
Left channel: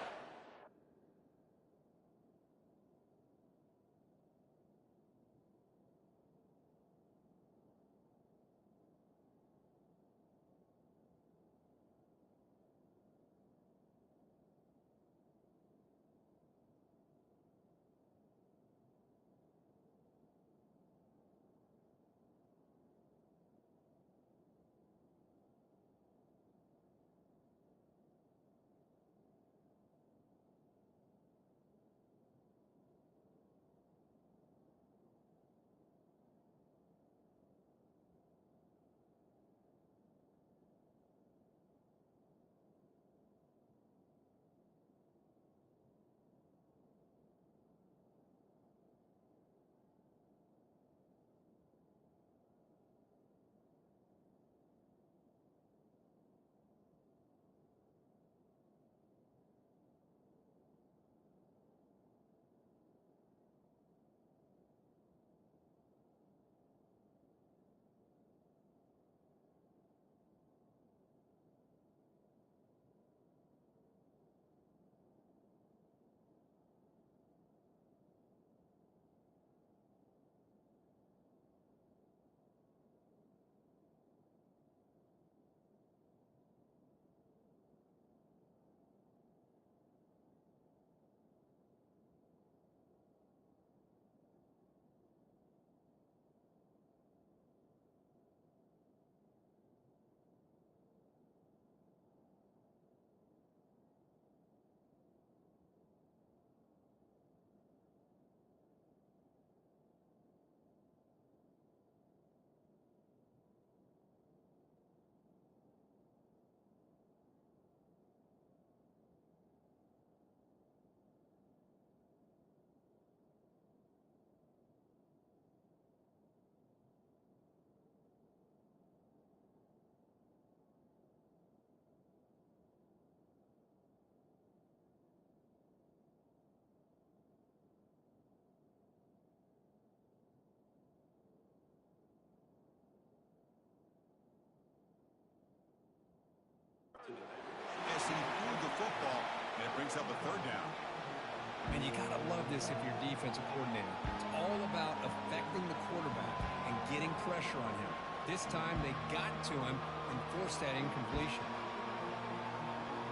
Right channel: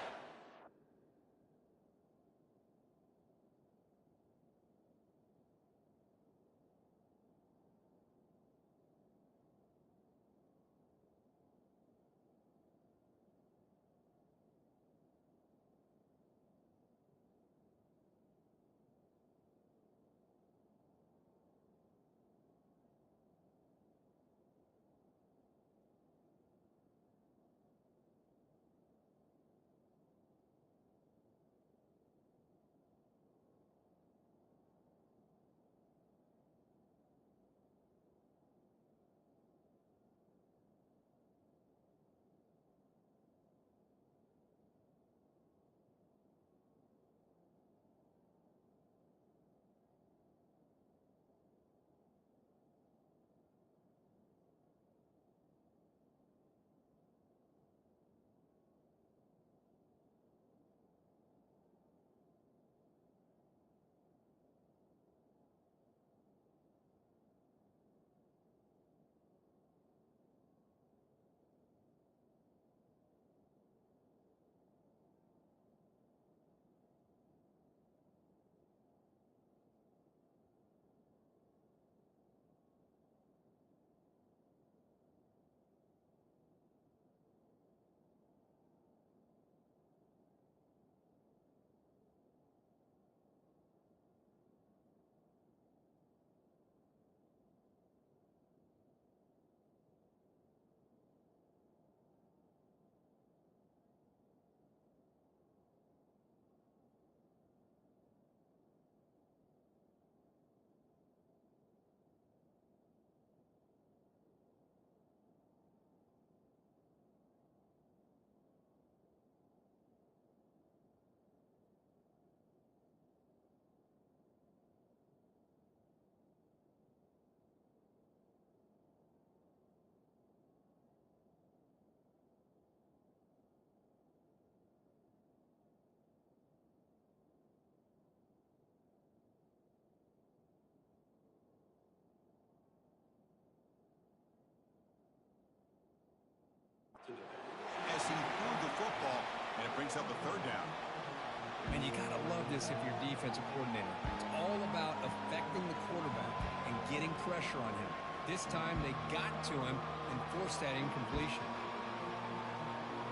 As he threw the football, and it brings up a third down. And you got to love this if you're defensive coordinator. It's all about a pressure on him. This time they got to him and forced that incompletion.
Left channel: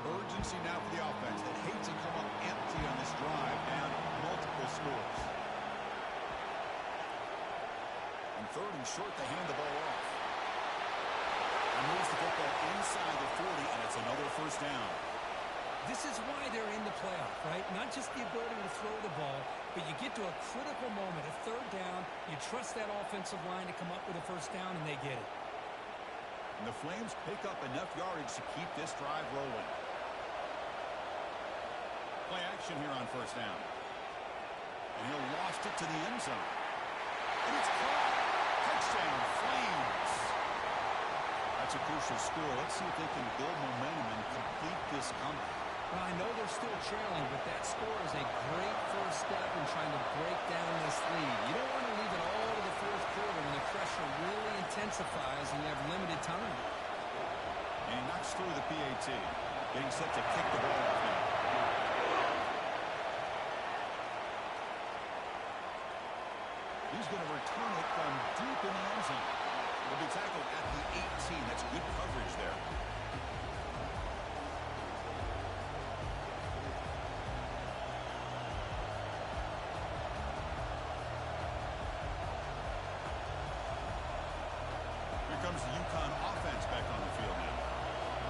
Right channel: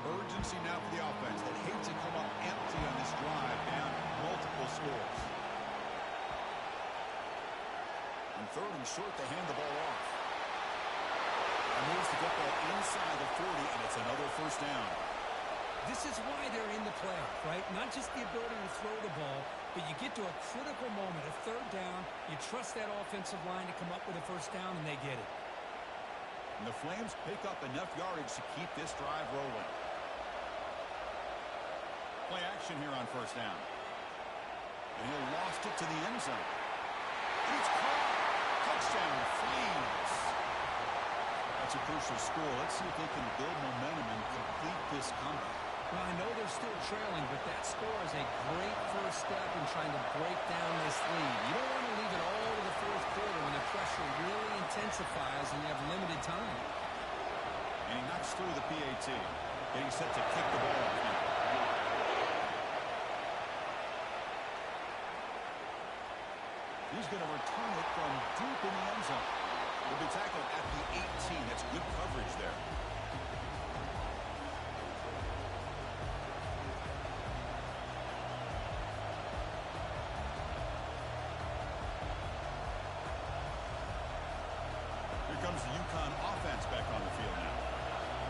Urgency now for the offense that hates to come up empty on this drive, down multiple scores. On 3rd and short, they hand the ball off. That moves the football inside the 40, and it's another first down. This is why they're in the playoff, right? Not just the ability to throw the ball, but you get to a critical moment, a 3rd down, you trust that offensive line to come up with a first down, and they get it. And the Flames pick up enough yardage to keep this drive rolling. Play action here on first down. And he'll lost it to the end zone. And it's caught. Touchdown, Flames. That's a crucial score. Let's see if they can build momentum and complete this comeback. Well, I know they're still trailing, but that score is a great first step in trying to break down this lead. You don't want to leave it all to the 4th quarter when the pressure really intensifies and you have limited time. And he knocks through the PAT. Getting set to kick the ball off now. He's going to return it from deep in the end zone. He'll be tackled at the 18. That's good coverage there. Here comes the UConn offense back on the field now.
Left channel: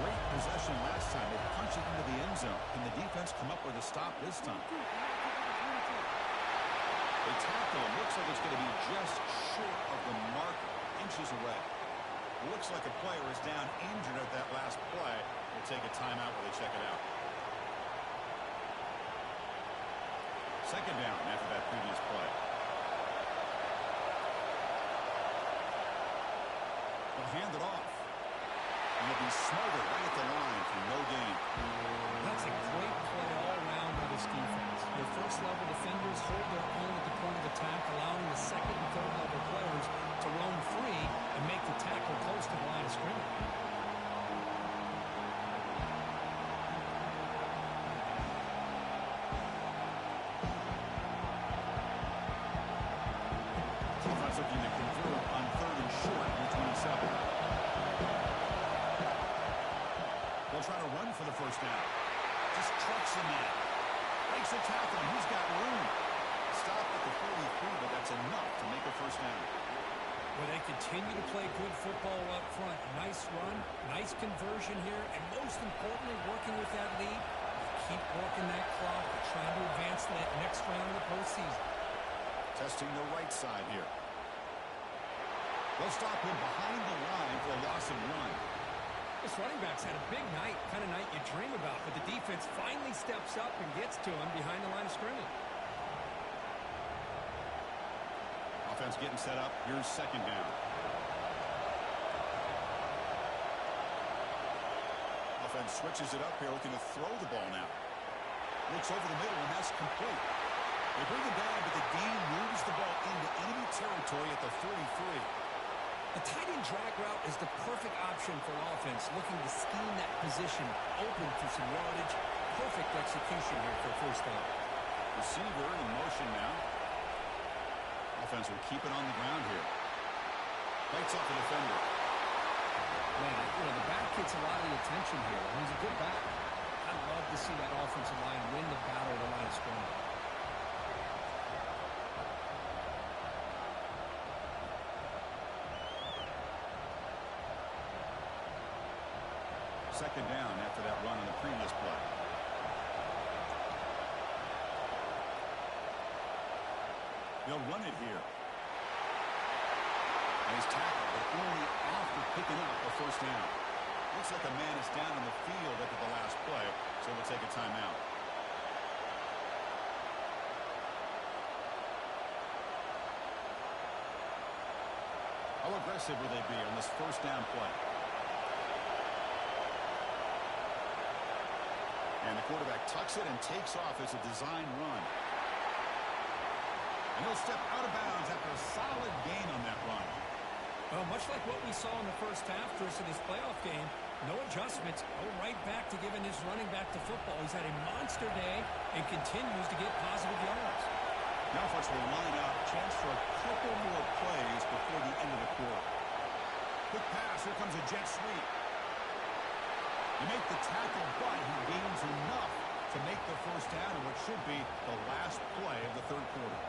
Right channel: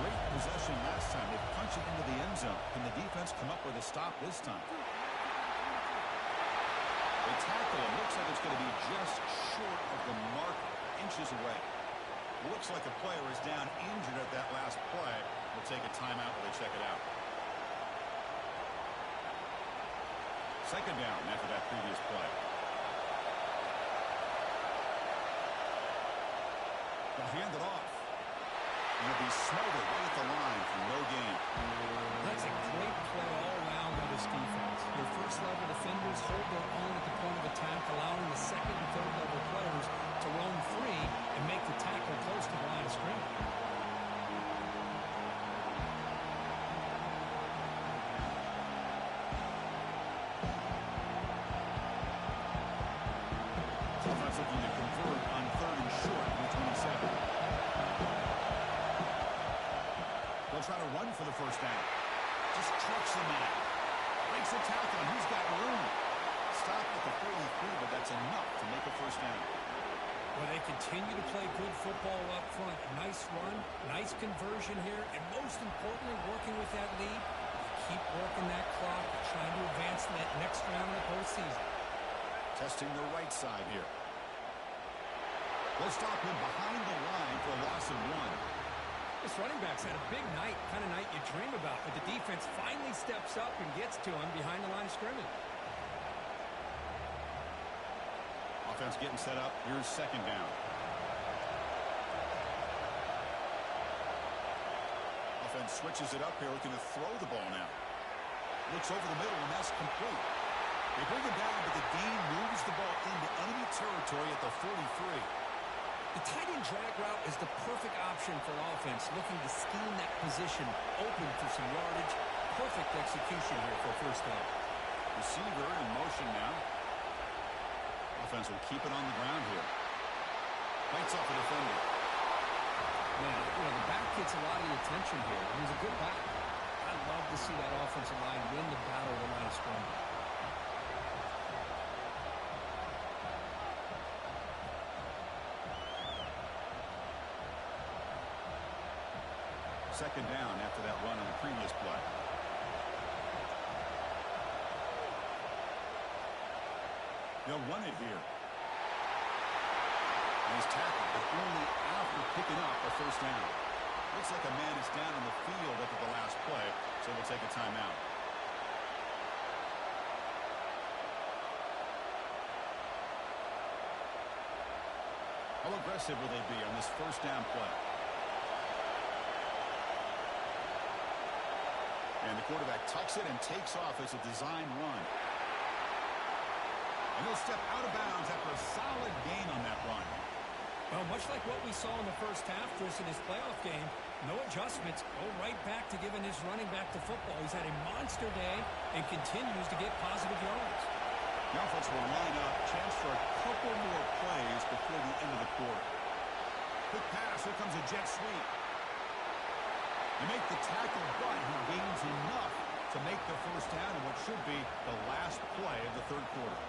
Great possession last time. They punch it into the end zone. Can the defense come up with a stop this time? They tackle him. Looks like it's going to be just short of the marker, inches away. Looks like a player is down injured at that last play. We'll take a timeout while they check it out. 2nd down after that previous play. They'll hand it off. And they'll be smothered right at the line for no gain. That's a great play all around by this defense. Your first-level defenders hold their own at the point of attack, allowing the 2nd and 3rd level players to roam free and make the tackle close to the line of scrimmage. Offense looking to convert on 3rd and short in the 27. They'll try to run for the first down. Just trucks the man. Breaks a tackle, and he's got room. Stop at the 43, but that's enough to make a first down. Well, they continue to play good football up front. A nice run, nice conversion here, and most importantly, working with that lead, you keep working that clock and trying to advance to that next round of the postseason. Testing the right side here. They'll stop him behind the line for a loss of 1. This running back's had a big night, kind of night you dream about, but the defense finally steps up and gets to him behind the line of scrimmage. Offense getting set up. Here's 2nd down. Offense switches it up here, looking to throw the ball now. Looks over the middle, and that's complete. They bring him down, but the gain moves the ball into enemy territory at the 43. The tight end drag route is the perfect option for an offense looking to scheme that position open for some yardage. Perfect execution here for a first down. Receiver in motion now. Offense will keep it on the ground here. Bites off a defender. Man, the back gets a lot of the attention here. He's a good back. I'd love to see that offensive line win the battle at the line of scrimmage. Second down after that run on the previous play. They'll run it here. And he's tackled, but only after picking up a first down. Looks like a man is down on the field after the last play, so we'll take a timeout. How aggressive will they be on this first down play? And the quarterback tucks it and takes off as a design run. And he'll step out of bounds after a solid gain on that run. Well, much like what we saw in the first half, Chris, in his playoff game, no adjustments, go right back to giving his running back the football. He's had a monster day and continues to get positive yards. The offense will line up. Chance for a couple more plays before the end of the quarter. Quick pass. Here comes a jet sweep. They make the tackle, but he gains enough to make the first down in what should be the last play of the third quarter.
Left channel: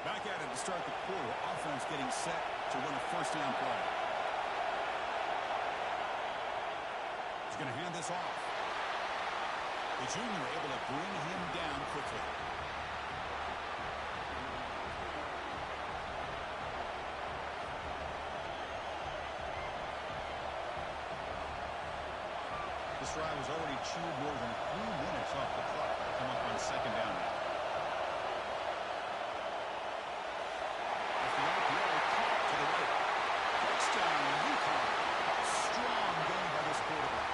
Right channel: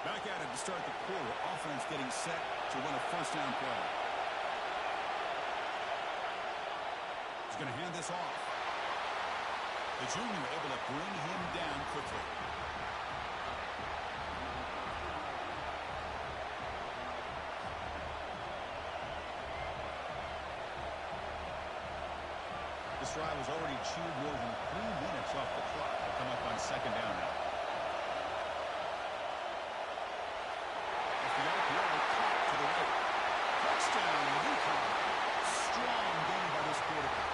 Back at it to start the quarter. Offense getting set to win a first down play. He's going to hand this off. The junior able to bring him down quickly. This drive was already chewed more than 3 minutes off the clock to come up on second down now. The RPO caught to the right. Touchdown, UConn. Strong game by this quarterback.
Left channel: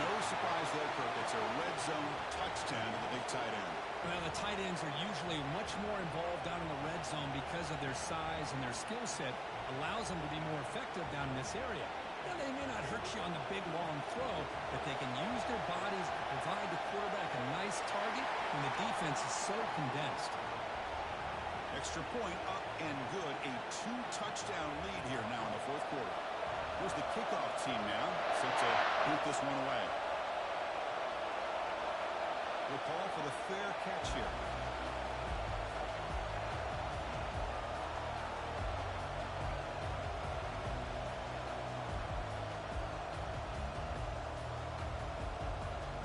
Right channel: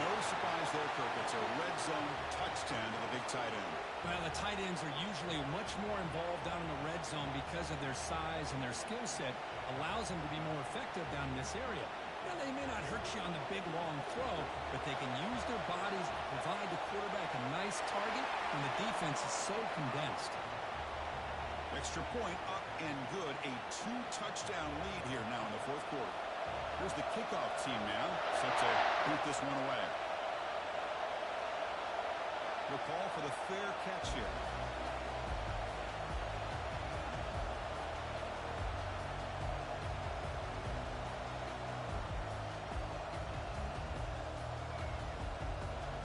No surprise there, Kirk. It's a red zone touchdown to the big tight end. Well, the tight ends are usually much more involved down in the red zone because of their size and their skill set allows them to be more effective down in this area. Now, they may not hurt you on the big, long throw, but they can use their bodies to provide the quarterback a nice target when the defense is so condensed. Extra point up and good. A 2-touchdown lead here now in the fourth quarter. Here's the kickoff team now, set to boot this one away. We'll call for the fair catch here.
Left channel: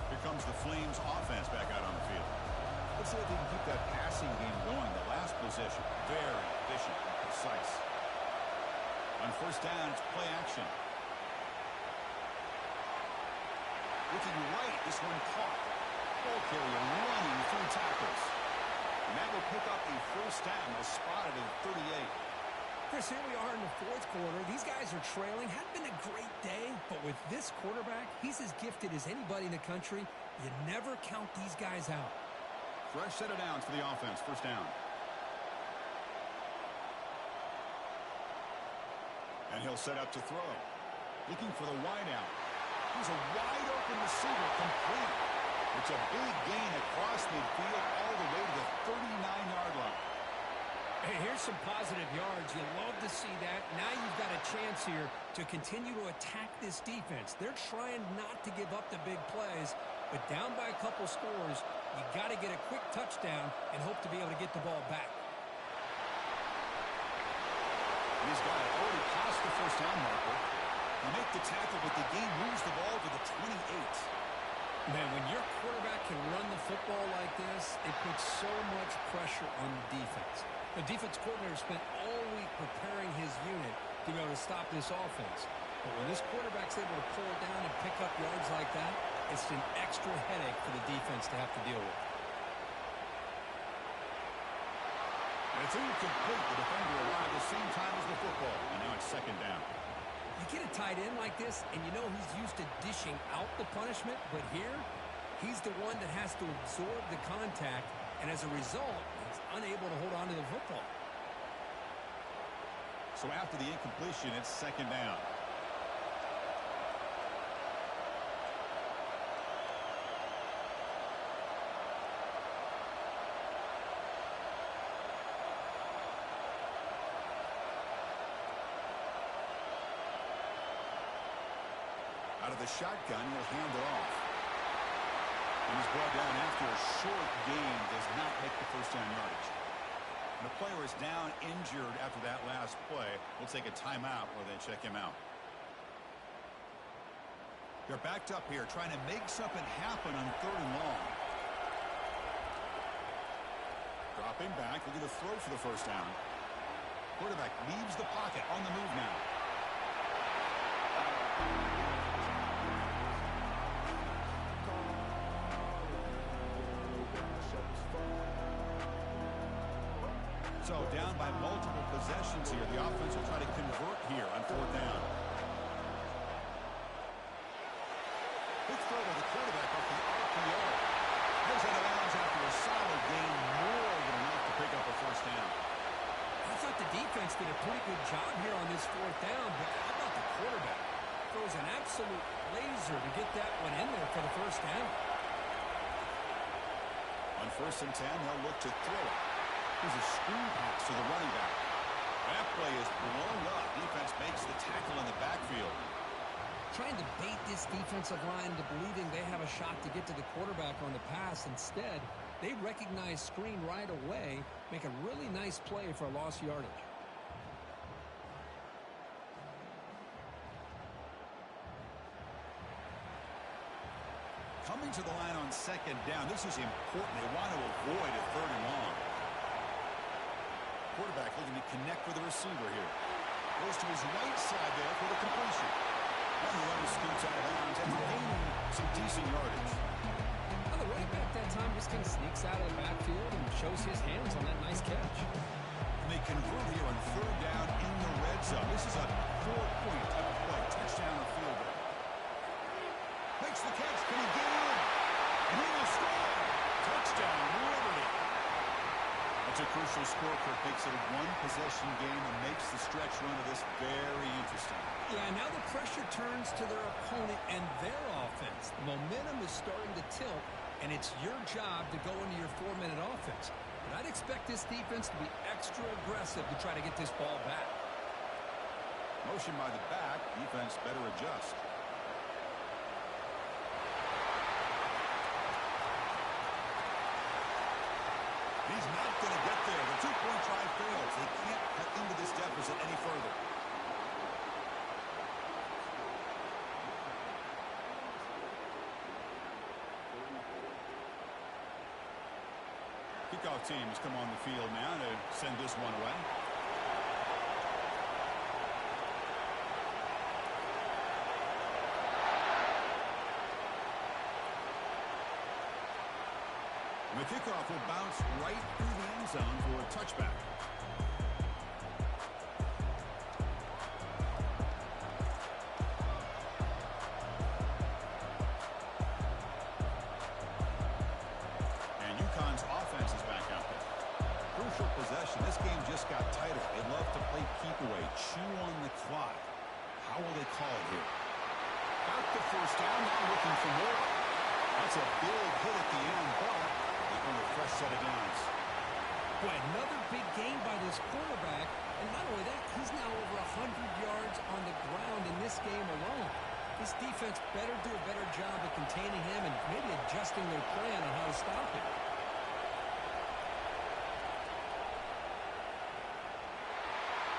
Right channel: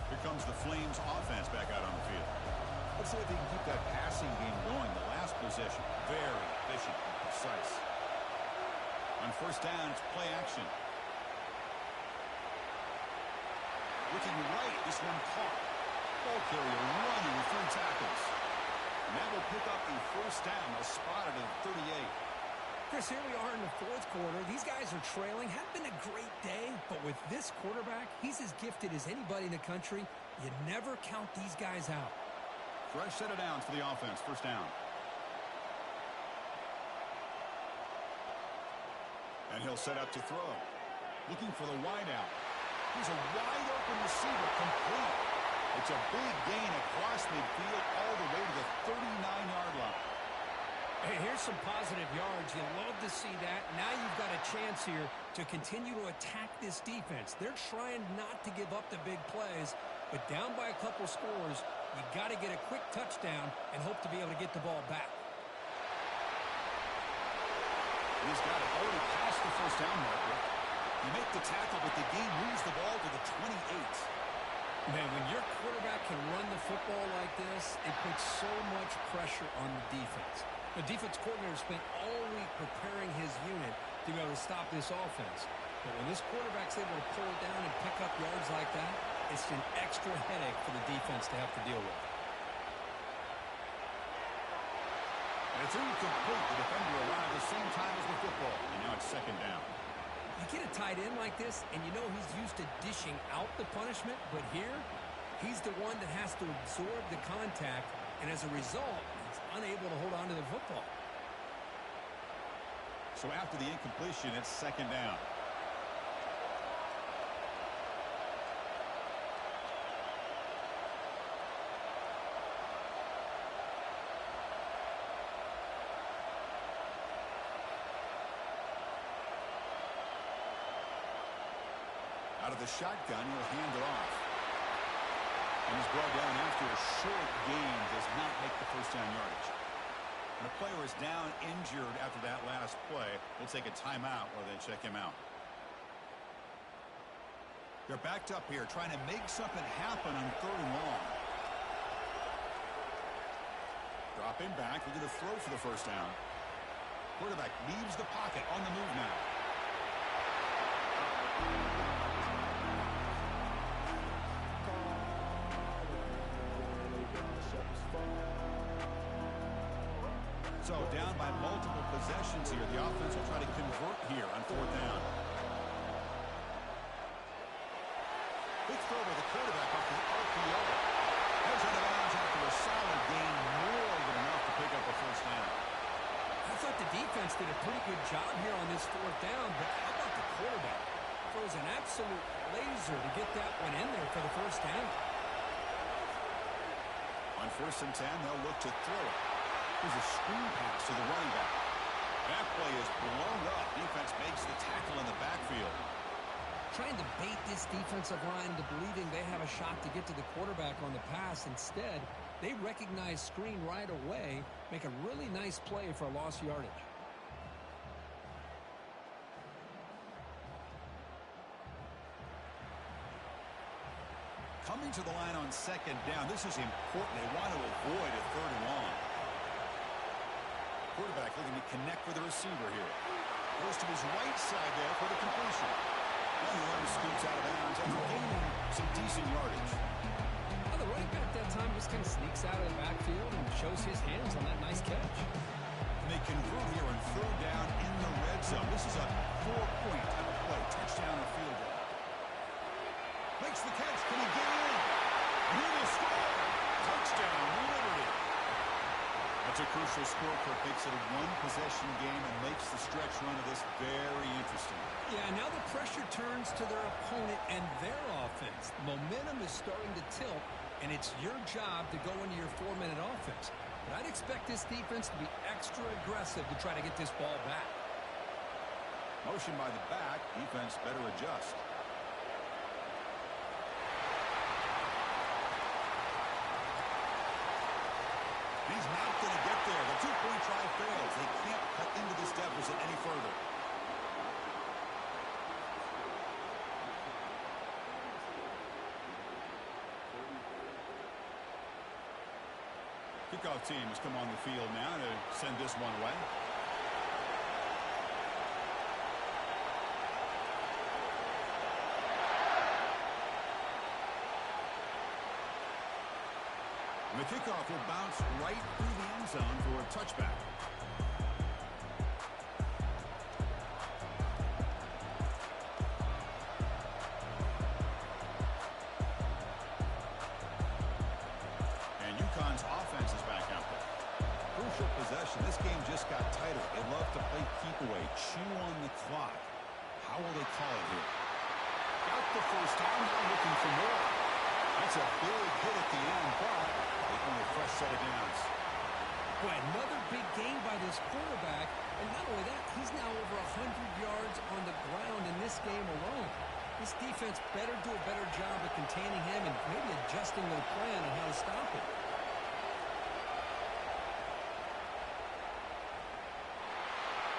Here comes the Flames offense back out on the field. Let's see if they can keep that passing game going. The last possession, very efficient and precise. On first down, it's play action. Looking right, this one caught. Ball carrier running through tackles. And that will pick up a first down. They'll spot it at 38. Chris, here we are in the fourth quarter. These guys are trailing. Hadn't been a great day, but with this quarterback, he's as gifted as anybody in the country. You never count these guys out. Fresh set of downs for the offense. First down. And he'll set up to throw. Looking for the wide out. Here's a wide open receiver complete. It's a big gain across midfield all the way to the 39-yard line. Hey, here's some positive yards. You love to see that. Now you've got a chance here to continue to attack this defense. They're trying not to give up the big plays, but down by a couple scores, you got to get a quick touchdown and hope to be able to get the ball back. And he's got it. Already past the first down marker. You make the tackle, but the game moves the ball to the 28. Man, when your quarterback can run the football like this, it puts so much pressure on the defense. The defense coordinator spent all week preparing his unit to be able to stop this offense. But when this quarterback's able to pull it down and pick up yards like that, it's an extra headache for the defense to have to deal with. And it's incomplete. The defender arrived the same time as the football, and now it's second down. You get a tight end like this, and you know he's used to dishing out the punishment, but here, he's the one that has to absorb the contact, and as a result, he's unable to hold on to the football. So after the incompletion, it's second down. Out of the shotgun, he'll hand it off. And he's brought down after a short gain, does not make the first down yardage. And a player is down injured after that last play. We'll take a timeout while they check him out. They're backed up here, trying to make something happen on third and long. Dropping back, looking to throw for the first down. Quarterback leaves the pocket, on the move now. So down by multiple possessions here. The offense will try to convert here on 4th down. Big throw by the quarterback off the RPO. Heads out of bounds after a solid gain, more than enough to pick up a 1st down. I thought the defense did a pretty good job here on this 4th down, but how about the quarterback? Throws an absolute laser to get that one in there for the 1st down. On 1st and 10, they'll look to throw it. Here's a screen pass to the running back. That play is blown up. Defense makes the tackle in the backfield. Trying to bait this defensive line into believing they have a shot to get to the quarterback on the pass. Instead, they recognize screen right away, make a really nice play for a lost yardage. Coming to the line on 2nd down. This is important. They want to avoid a 3rd and long. Quarterback looking to connect with the receiver here. Goes to his right side there for the completion. And the runner scoots out of bounds after gaining some decent yardage. Well, the running back that time just kind of sneaks out of the backfield and shows his hands on that nice catch. And they convert here on 3rd down in the red zone. This is a 4-point type of play. Touchdown or field goal. Makes the catch. Can he get in? And he will score. Touchdown, Liberty. That's a crucial score for it. Makes it a 1-possession game and makes the stretch run of this very interesting. Yeah, now the pressure turns to their opponent and their offense. The momentum is starting to tilt, and it's your job to go into your 4-minute offense. But I'd expect this defense to be extra aggressive to try to get this ball back. Motion by the back. Defense better adjust. He's not going to get there. The 2-point try fails. They can't cut into this deficit any further. Kickoff team has come on the field now to send this one away. The kickoff will bounce right through the end zone for a touchback. And UConn's offense is back out there. Crucial possession. This game just got tighter. They love to play keep away, chew on the clock. How will they call it here? Got the 1st down, now looking for more. That's a big hit at the end, but they want a fresh set of downs. Boy, another big gain by this quarterback. And not only that, he's now over 100 yards on the ground in this game alone. This defense better do a better job of containing him and maybe adjusting their plan on how to stop him.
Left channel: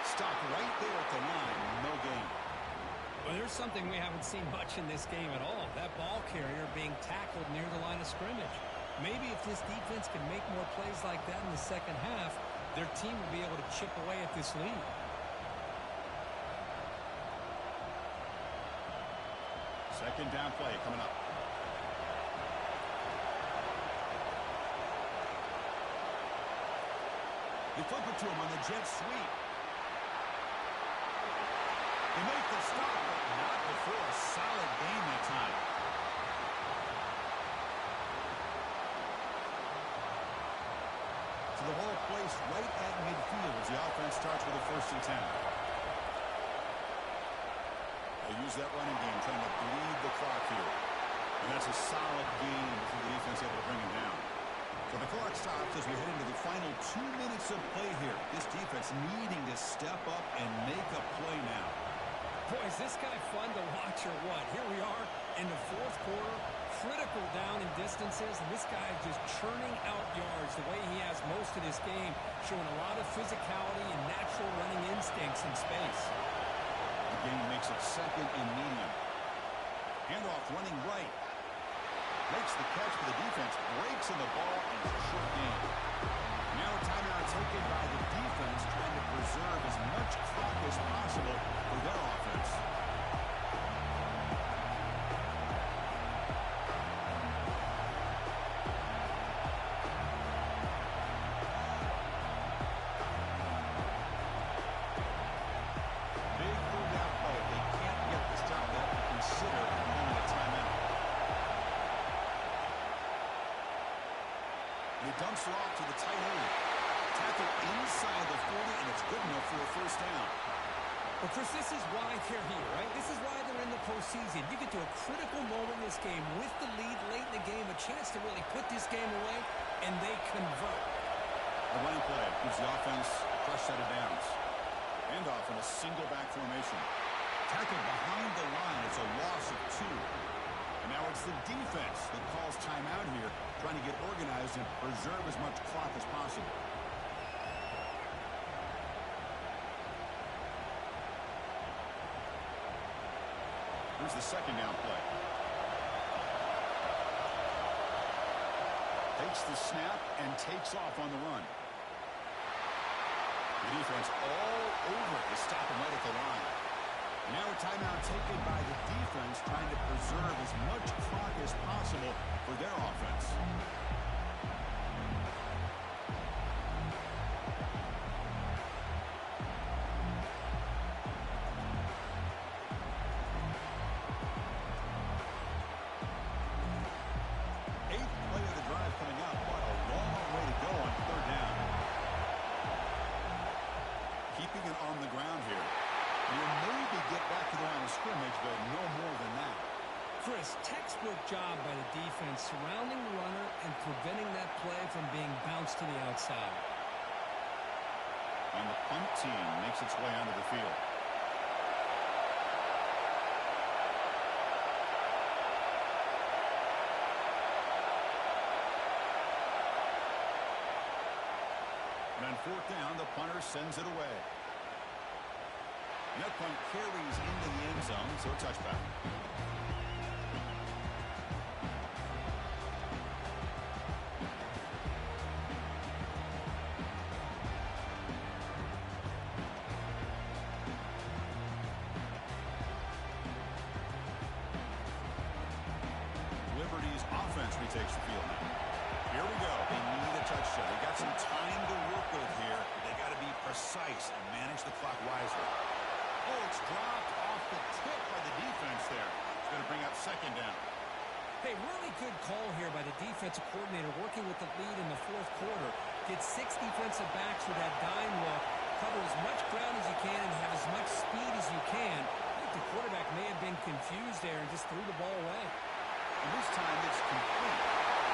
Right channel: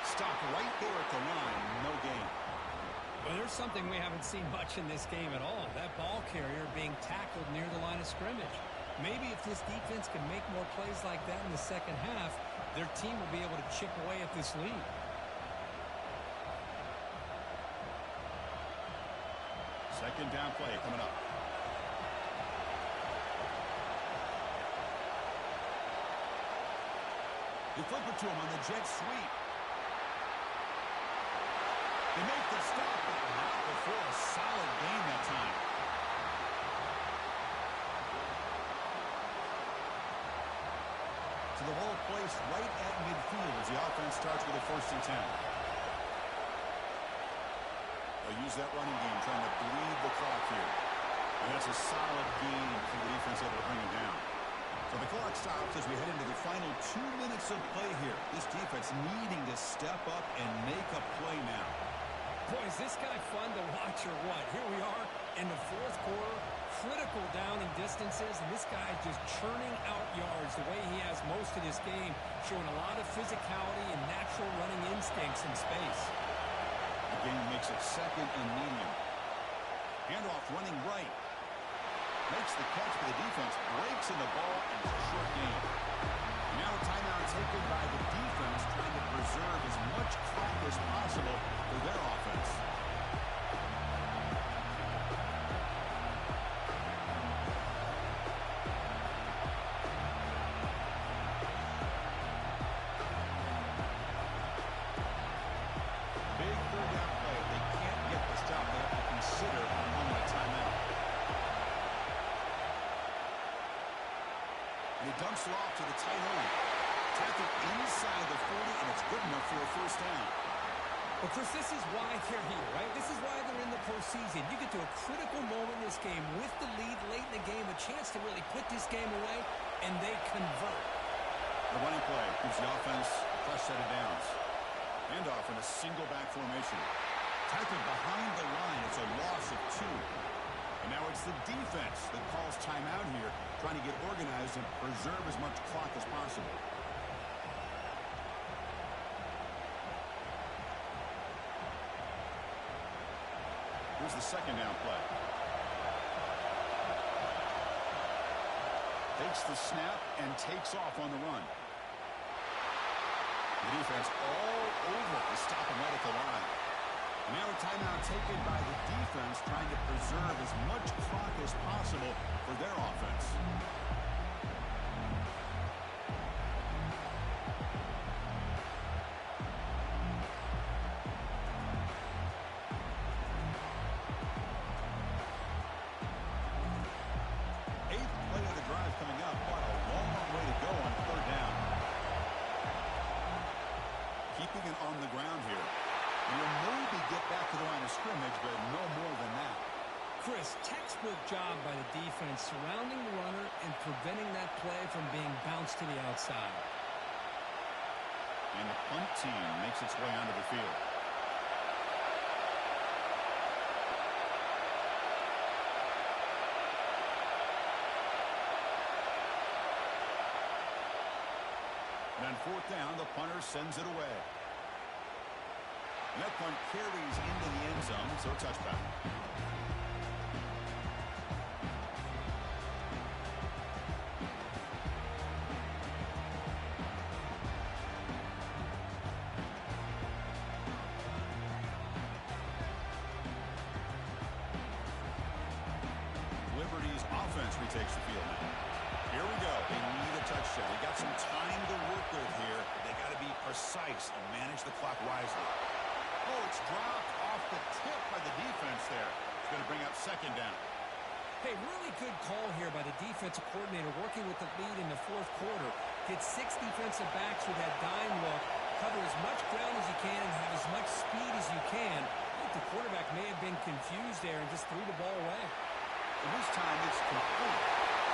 Stopped right there at the line, no gain. Well, there's something we haven't seen much in this game at all. That ball carrier being tackled near the line of scrimmage. Maybe if this defense can make more plays like that in the 2nd half, their team will be able to chip away at this lead. Second down play coming up. They flip it to him on the jet sweep. They make the stop, but not before a solid gain that time. So the ball placed right at midfield as the offense starts with a 1st and 10. They'll use that running game, trying to bleed the clock here. And that's a solid gain for the defense able to bring him down. So the clock stops as we head into the final 2 minutes of play here. This defense needing to step up and make a play now. Boy, is this guy fun to watch or what? Here we are in the 4th quarter, critical down in distances, and this guy is just churning out yards the way he has most of this game, showing a lot of physicality and natural running instincts in space. The game makes it 2nd and medium. Handoff running right. Makes the catch for the defense, breaks in the ball, and it's a short gain. Now a timeout taken by the defense, trying to preserve as much clock as possible for their offense. dumps her off to the tight end. Tackle inside the 40, and it's good enough for a first down. Well, Chris, this is why they're here, right? This is why they're in the postseason. You get to a critical moment in this game with the lead late in the game, a chance to really put this game away, and they convert. The running play gives the offense a fresh set of downs. Handoff in a single back formation. Tackled behind the line. It's a loss of 2. And now it's the defense that calls timeout here, trying to get organized and preserve as much clock as possible. Here's the second down play. Takes the snap and takes off on the run. The defense all over to stop him right at the line. And now a timeout taken by the defense, trying to preserve as much clock as possible for their offense. Eighth play of the drive coming up. What a long way to go on third down. Keeping it on the ground here. And you'll maybe get back to the line of scrimmage, but no more than that. Chris, textbook job by the defense surrounding the runner and preventing that play from being bounced to the outside. And the punt team makes its way onto the field. And on fourth down, the punter sends it away. And that punt carries into the end zone, so a touchback. Liberty's offense retakes the field now. Here we go. They need a touchdown. They got some time to work with here. They got to be precise and manage the clock wisely. Oh, it's dropped off the tip by the defense there. It's going to bring up second down. Hey, really good call here by the defensive coordinator working with the lead in the fourth quarter. Get 6 defensive backs with that dime look. Cover as much ground as you can and have as much speed as you can. I think the quarterback may have been confused there and just threw the ball away. And this time it's complete.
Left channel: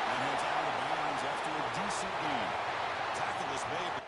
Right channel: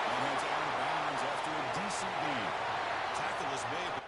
And heads out of bounds after a decent gain. Tackle is made.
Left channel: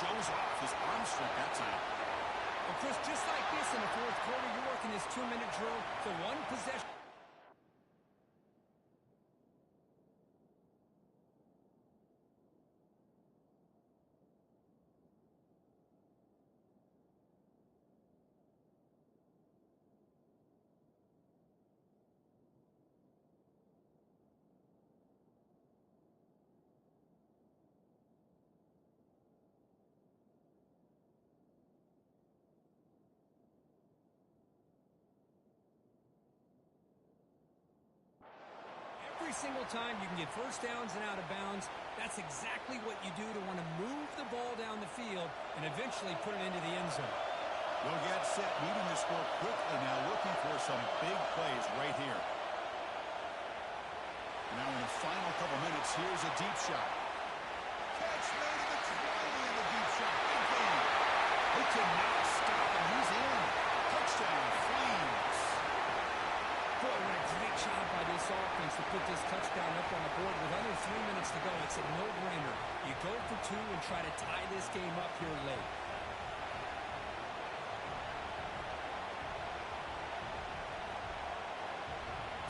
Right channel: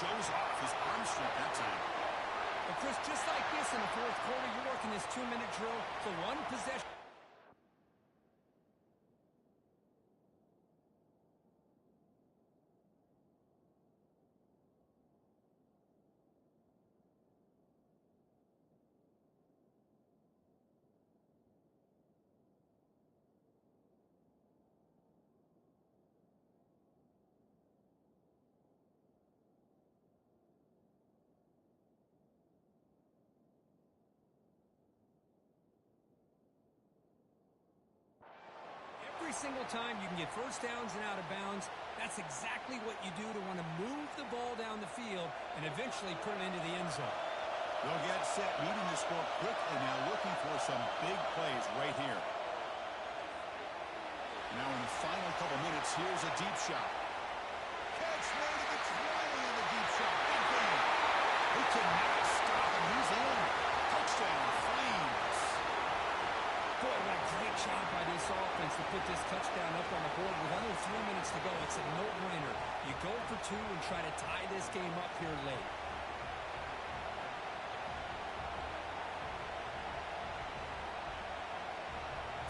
Shows off his arm strength that time. Well, Chris, just like this in the fourth quarter, you're working this 2-minute drill to one possession. single time you can get first downs and out of bounds, that's exactly what you do to want to move the ball down the field and eventually put it into the end zone. They'll get set, needing to score quickly now, looking for some big plays right here. Now in the final couple minutes, here's a deep shot. Catch made at the 20 in the deep shot. Big game. They cannot stop him. He's in. Touchdown, Flames. Boy, what a great job by this offense to put this touchdown up on the board with under 3 minutes to go. It's a no-brainer. You go for two and try to tie this game up here late.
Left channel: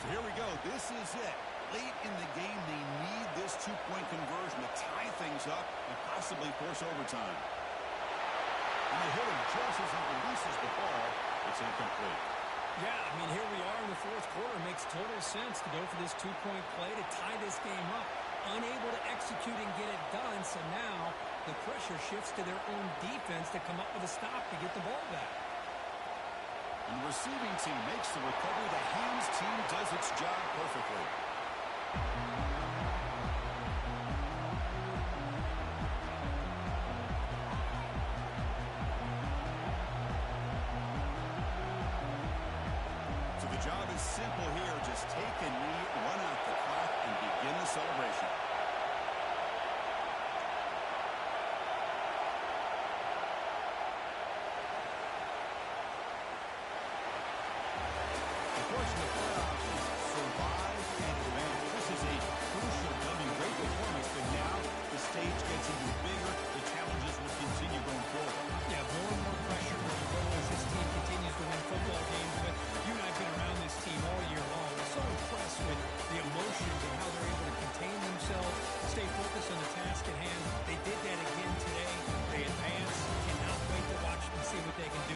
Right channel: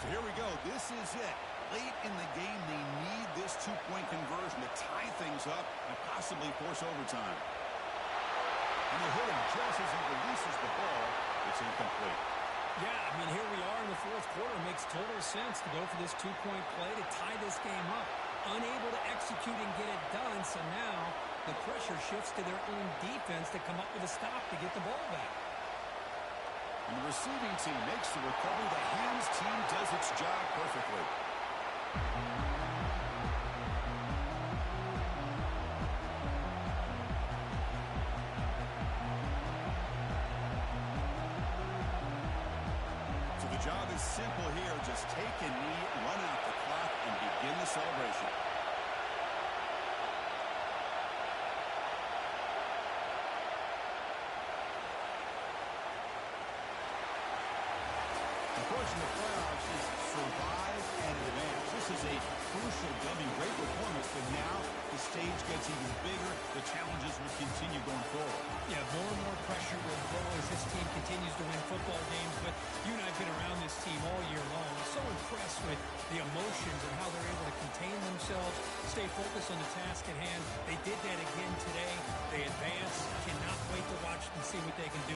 So here we go. This is it. Late in the game, they need this two-point conversion to tie things up and possibly force overtime. And they hit him just as he releases the ball. It's incomplete. Yeah, I mean, here we are in the fourth quarter. Makes total sense to go for this two-point play to tie this game up. Unable to execute and get it done, so now the pressure shifts to their own defense to come up with a stop to get the ball back. And the receiving team makes the recovery. The hands team does its job perfectly. So the job is simple here. Just take a knee, run out the clock, and begin the celebration. Of course, in the playoffs, is survive and advance. This is a crucial W. Great performance, but now the stage gets even bigger. The challenges will continue going forward. Yeah, more and more pressure will grow as this team continues to win football games. But you and I have been around this team all year long. I'm so impressed with the emotions and how they're able to contain themselves, stay focused on the task at hand. They did that again today. They advance. Cannot wait to watch and see what they can do.